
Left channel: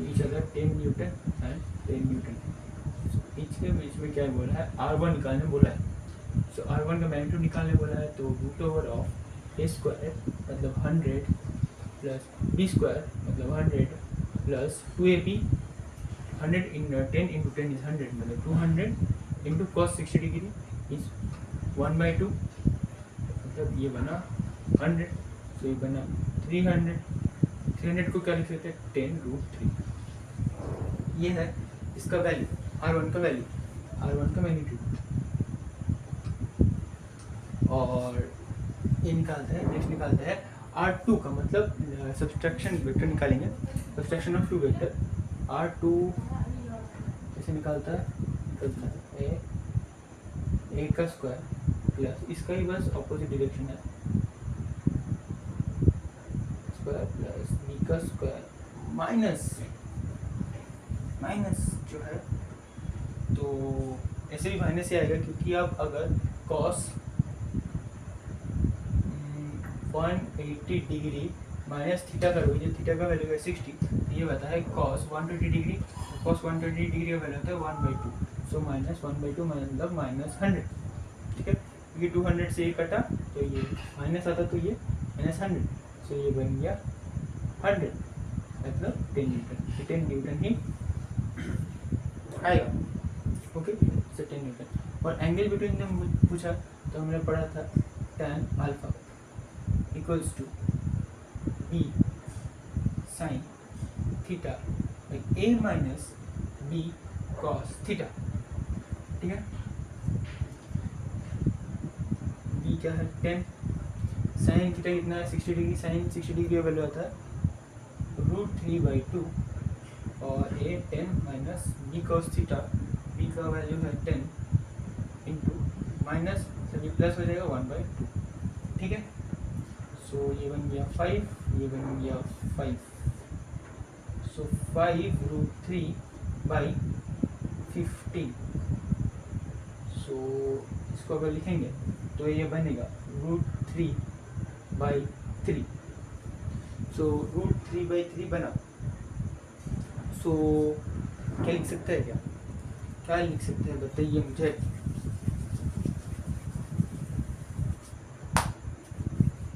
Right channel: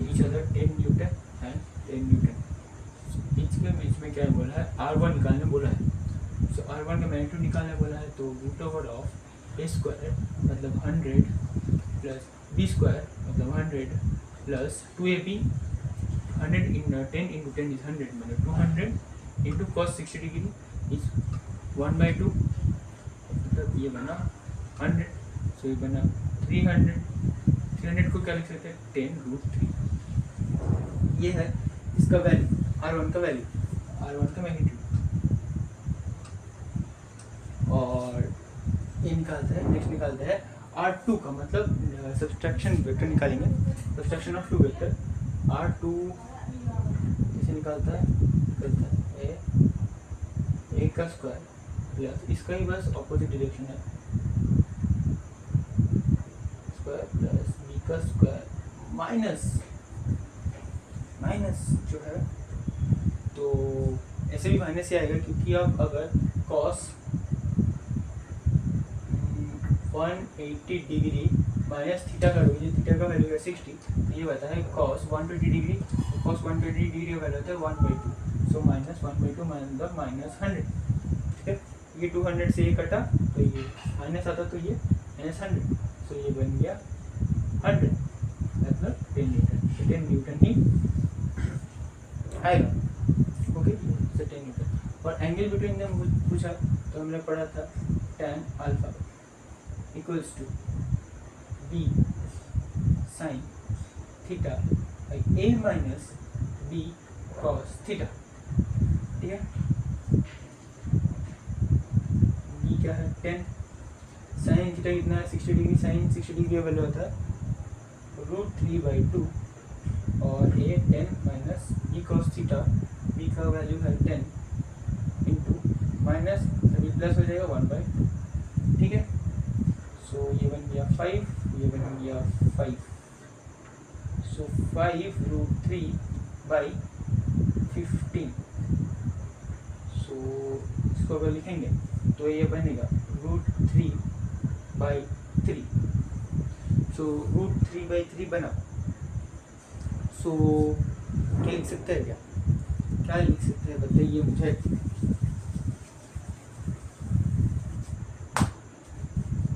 each other 10 Newton and 10 newton. Each के बीच में क्या बोला है, R1 निकालने बोला है। सो R1 का मैग्नीट्यूड निकालने बोला है, तो root over of a square मतलब 100 प्लस b स्क्वायर मतलब 100 plus 2ab 100 in 10 into 10 is 100, मतलब 200 इंटू cos 60 डिग्री इज 1/2, मतलब ये बना 100, सो ये बना 300 को क्या लिख सकते हैं 10√3। ये है इसका वैल्यू, R1 का वैल्यू, R1 का मैग्नीट्यूड। और ये निकालते हैं, नेक्स्ट निकालते हैं R2 का, मतलब सब्सट्रैक्शन वेक्टर निकालेंगे, subtraction of two vector. R2 कैसे निकालता है a का स्क्वायर प्लस इसका ही बस ऑपोजिट डायरेक्शन है, स्क्वायर प्लस b का स्क्वायर माइनस जो है, तो ऐसे भी माइनस ही आएगा, क्योंकि आप अगर cos 180 डिग्री माइनस थीटा करोगे, जो थीटा का वैल्यू है 60, तो ये बता है cos 120 डिग्री, cos 120 डिग्री का वैल्यू होता है 1/2, सो माइनस 1/2 मतलब माइनस 100, ठीक है। ये 200 से ये कटा तो ये माइनस आता, तो ये माइनस 100, सो ये बन गया 100, मतलब 10 न्यूटन, तो 10 न्यूटन ही आएगा, ओके, सो 10 न्यूटन। और एंगल बिटवीन देम पूछा तो हमने पढ़ा था tan alpha equals to b sin theta by a minus b cos theta, ठीक है। b क्या है 10, sin थीटा कितना है 60 डिग्री, sin 60 डिग्री का वैल्यू आता है √3/2, और a 10 minus b cos theta, b का वैल्यू है 10 इंटू माइनस सभी प्लस हो जाएगा 1/2, ठीक है। सो ये बन गया 5, ये बन गया 5, सो 5√3/15, सो इसको अगर लिखेंगे तो ये बनेगा √3/3, सो √3/3 बना। सो क्या लिख सकते हैं, क्या लिख सकते हैं बताइए मुझे।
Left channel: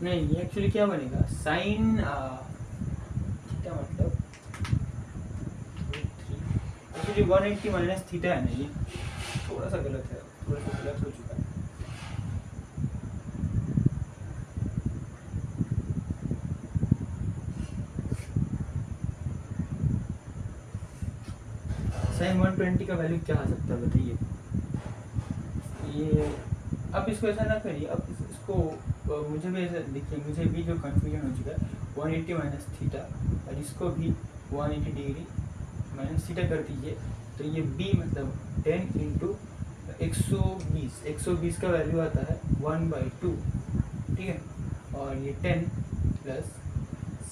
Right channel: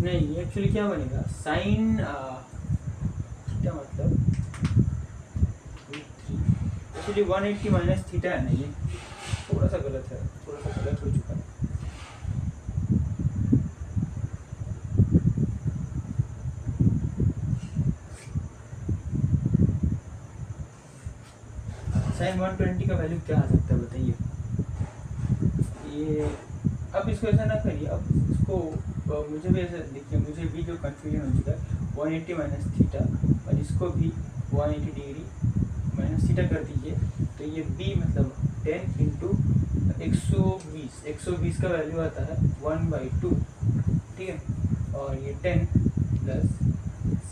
नहीं, एक्चुअली क्या बनेगा साइन थीटा, मतलब एक्चुअली 180 माइनस थीटा है ना, ये थोड़ा सा गलत है, थोड़ा सा गलत हो चुका है। साइन 120 का वैल्यू क्या आ सकता है बताइए। ये अब इसको ऐसा ना करिए, अब इसको मुझे भी ऐसा देखिए, मुझे भी जो कन्फ्यूजन हो चुका है 180 माइनस थीटा, और इसको भी 180 डिग्री माइनस थीटा कर दीजिए, तो ये b मतलब 10 इंटू 120 का वैल्यू आता है 1/2, ठीक है। और ये 10 प्लस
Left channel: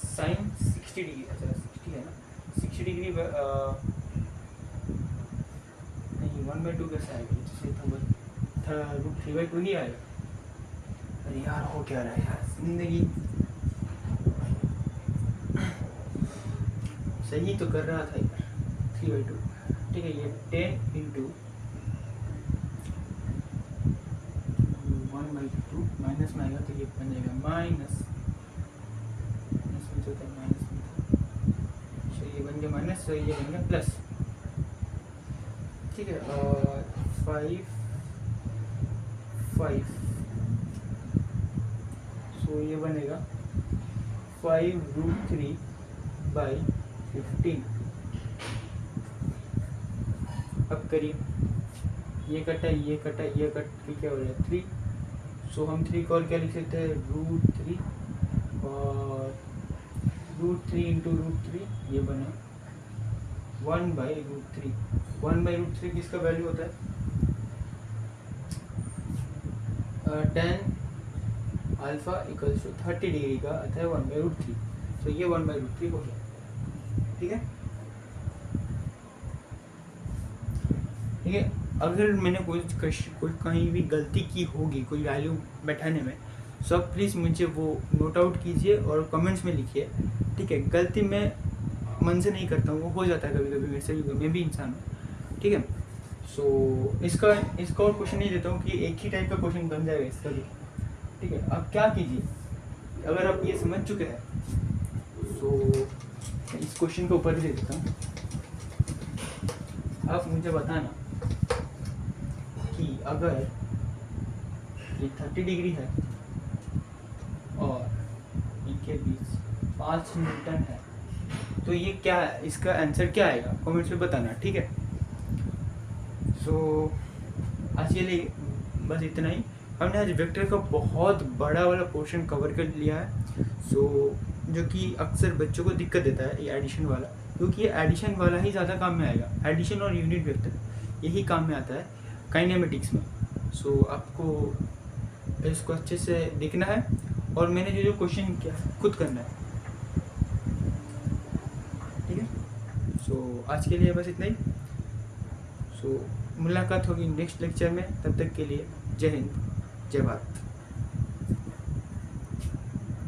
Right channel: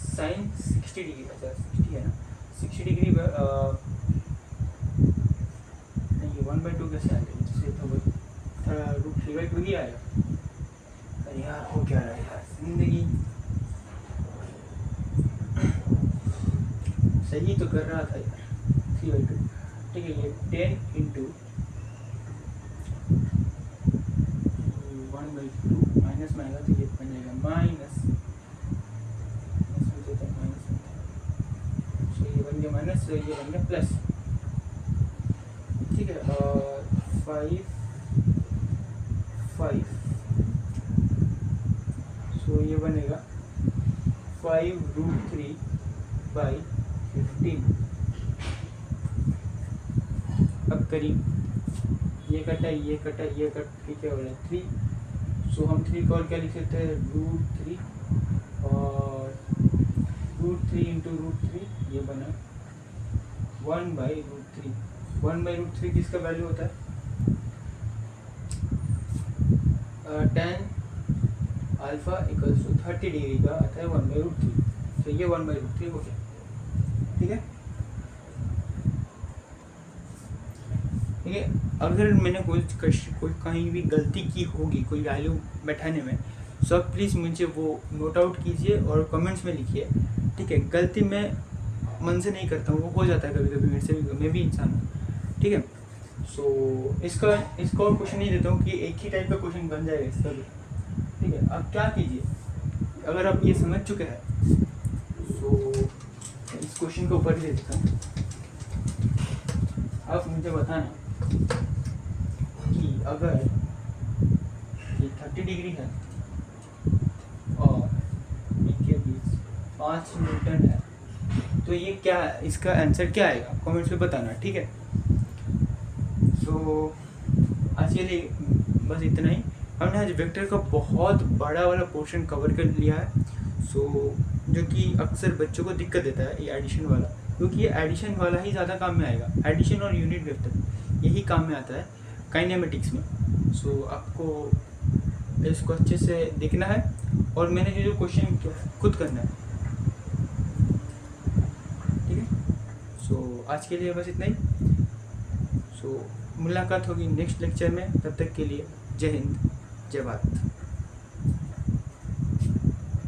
साइन 60 डिग्री, अच्छा 60 है ना, 60 डिग्री नहीं 1/2 कैसे आएगा, इसलिए तो √3/2 ही आएगा। अरे यार हो क्या रहा है यार जिंदगी, सही तो कर रहा था यार, 3/2, ठीक है। ये 10 इंटू 1/2 माइनस में आएगा, तो ये बन जाएगा माइनस में, होता है माइनस में था, सो ये बन गया माइनस, तो ये बन गया प्लस, ठीक है। और 5 सो ये बनेगा 5√3/15। अब करीब ये कटा ये कटा ये कट के क्या हो रहा है 3, सो हम 3 को और क्या लिख सकते हैं √3, और √3 इंटू √3 ये बना 1/√3। 1/√3 किसका वैल्यू होता है tan alpha equals to 30 degree का आता है 1/√3, तो ये 1/√3 हो गया, ठीक है। ठीक है, अगर मैंने कोई कहीं भी गलती की होगी कोई वैल्यू बैठाने में, तो आप प्लीज़ मुझे वो नोट आउट कीजिए और कमेंट्स में लिखिए, ठीक है। गलती मैं मन से नहीं करता हूँ, वो हो जाता है कभी कभी मेरे से भी, मैं भी इंसान हूँ, ठीक है। सो इसका और क्वेश्चन नहीं देता हूँ कि एक ही टाइप का क्वेश्चन बन जाएगा इसका भी, ठीक है। आप क्या कीजिए, अगर आप ये समझ चुके हैं, सो इस क्वेश्चन के ऊपर ही दे देता हूँ। अब मुझे बताना कि अगर ये 30 डिग्री है और इनके बीच 5 न्यूटन है तो ये क्या है, इसका आंसर क्या आएगा कमेंट्स में बताना, ठीक है। सो आज के लिए बस इतना ही। हमने आज वेक्टर का बहुत बड़ा वाला पोर्शन कवर कर लिया है। सो जो कि अक्सर बच्चों को दिक्कत देता है ये एडिशन वाला, क्योंकि ये एडिशन वाला ही ज़्यादा काम में आएगा। एडिशन और यूनिट वेक्टर यही काम में आता है काइनेमेटिक्स में। सो आपको इसको अच्छे से देखना है और मैंने जो जो क्वेश्चन किया है खुद करना है, ठीक है। सो आज के लिए बस इतना ही। सो मुलाकात होगी नेक्स्ट लेक्चर में, तब तक के लिए जय हिंद, जय भारत।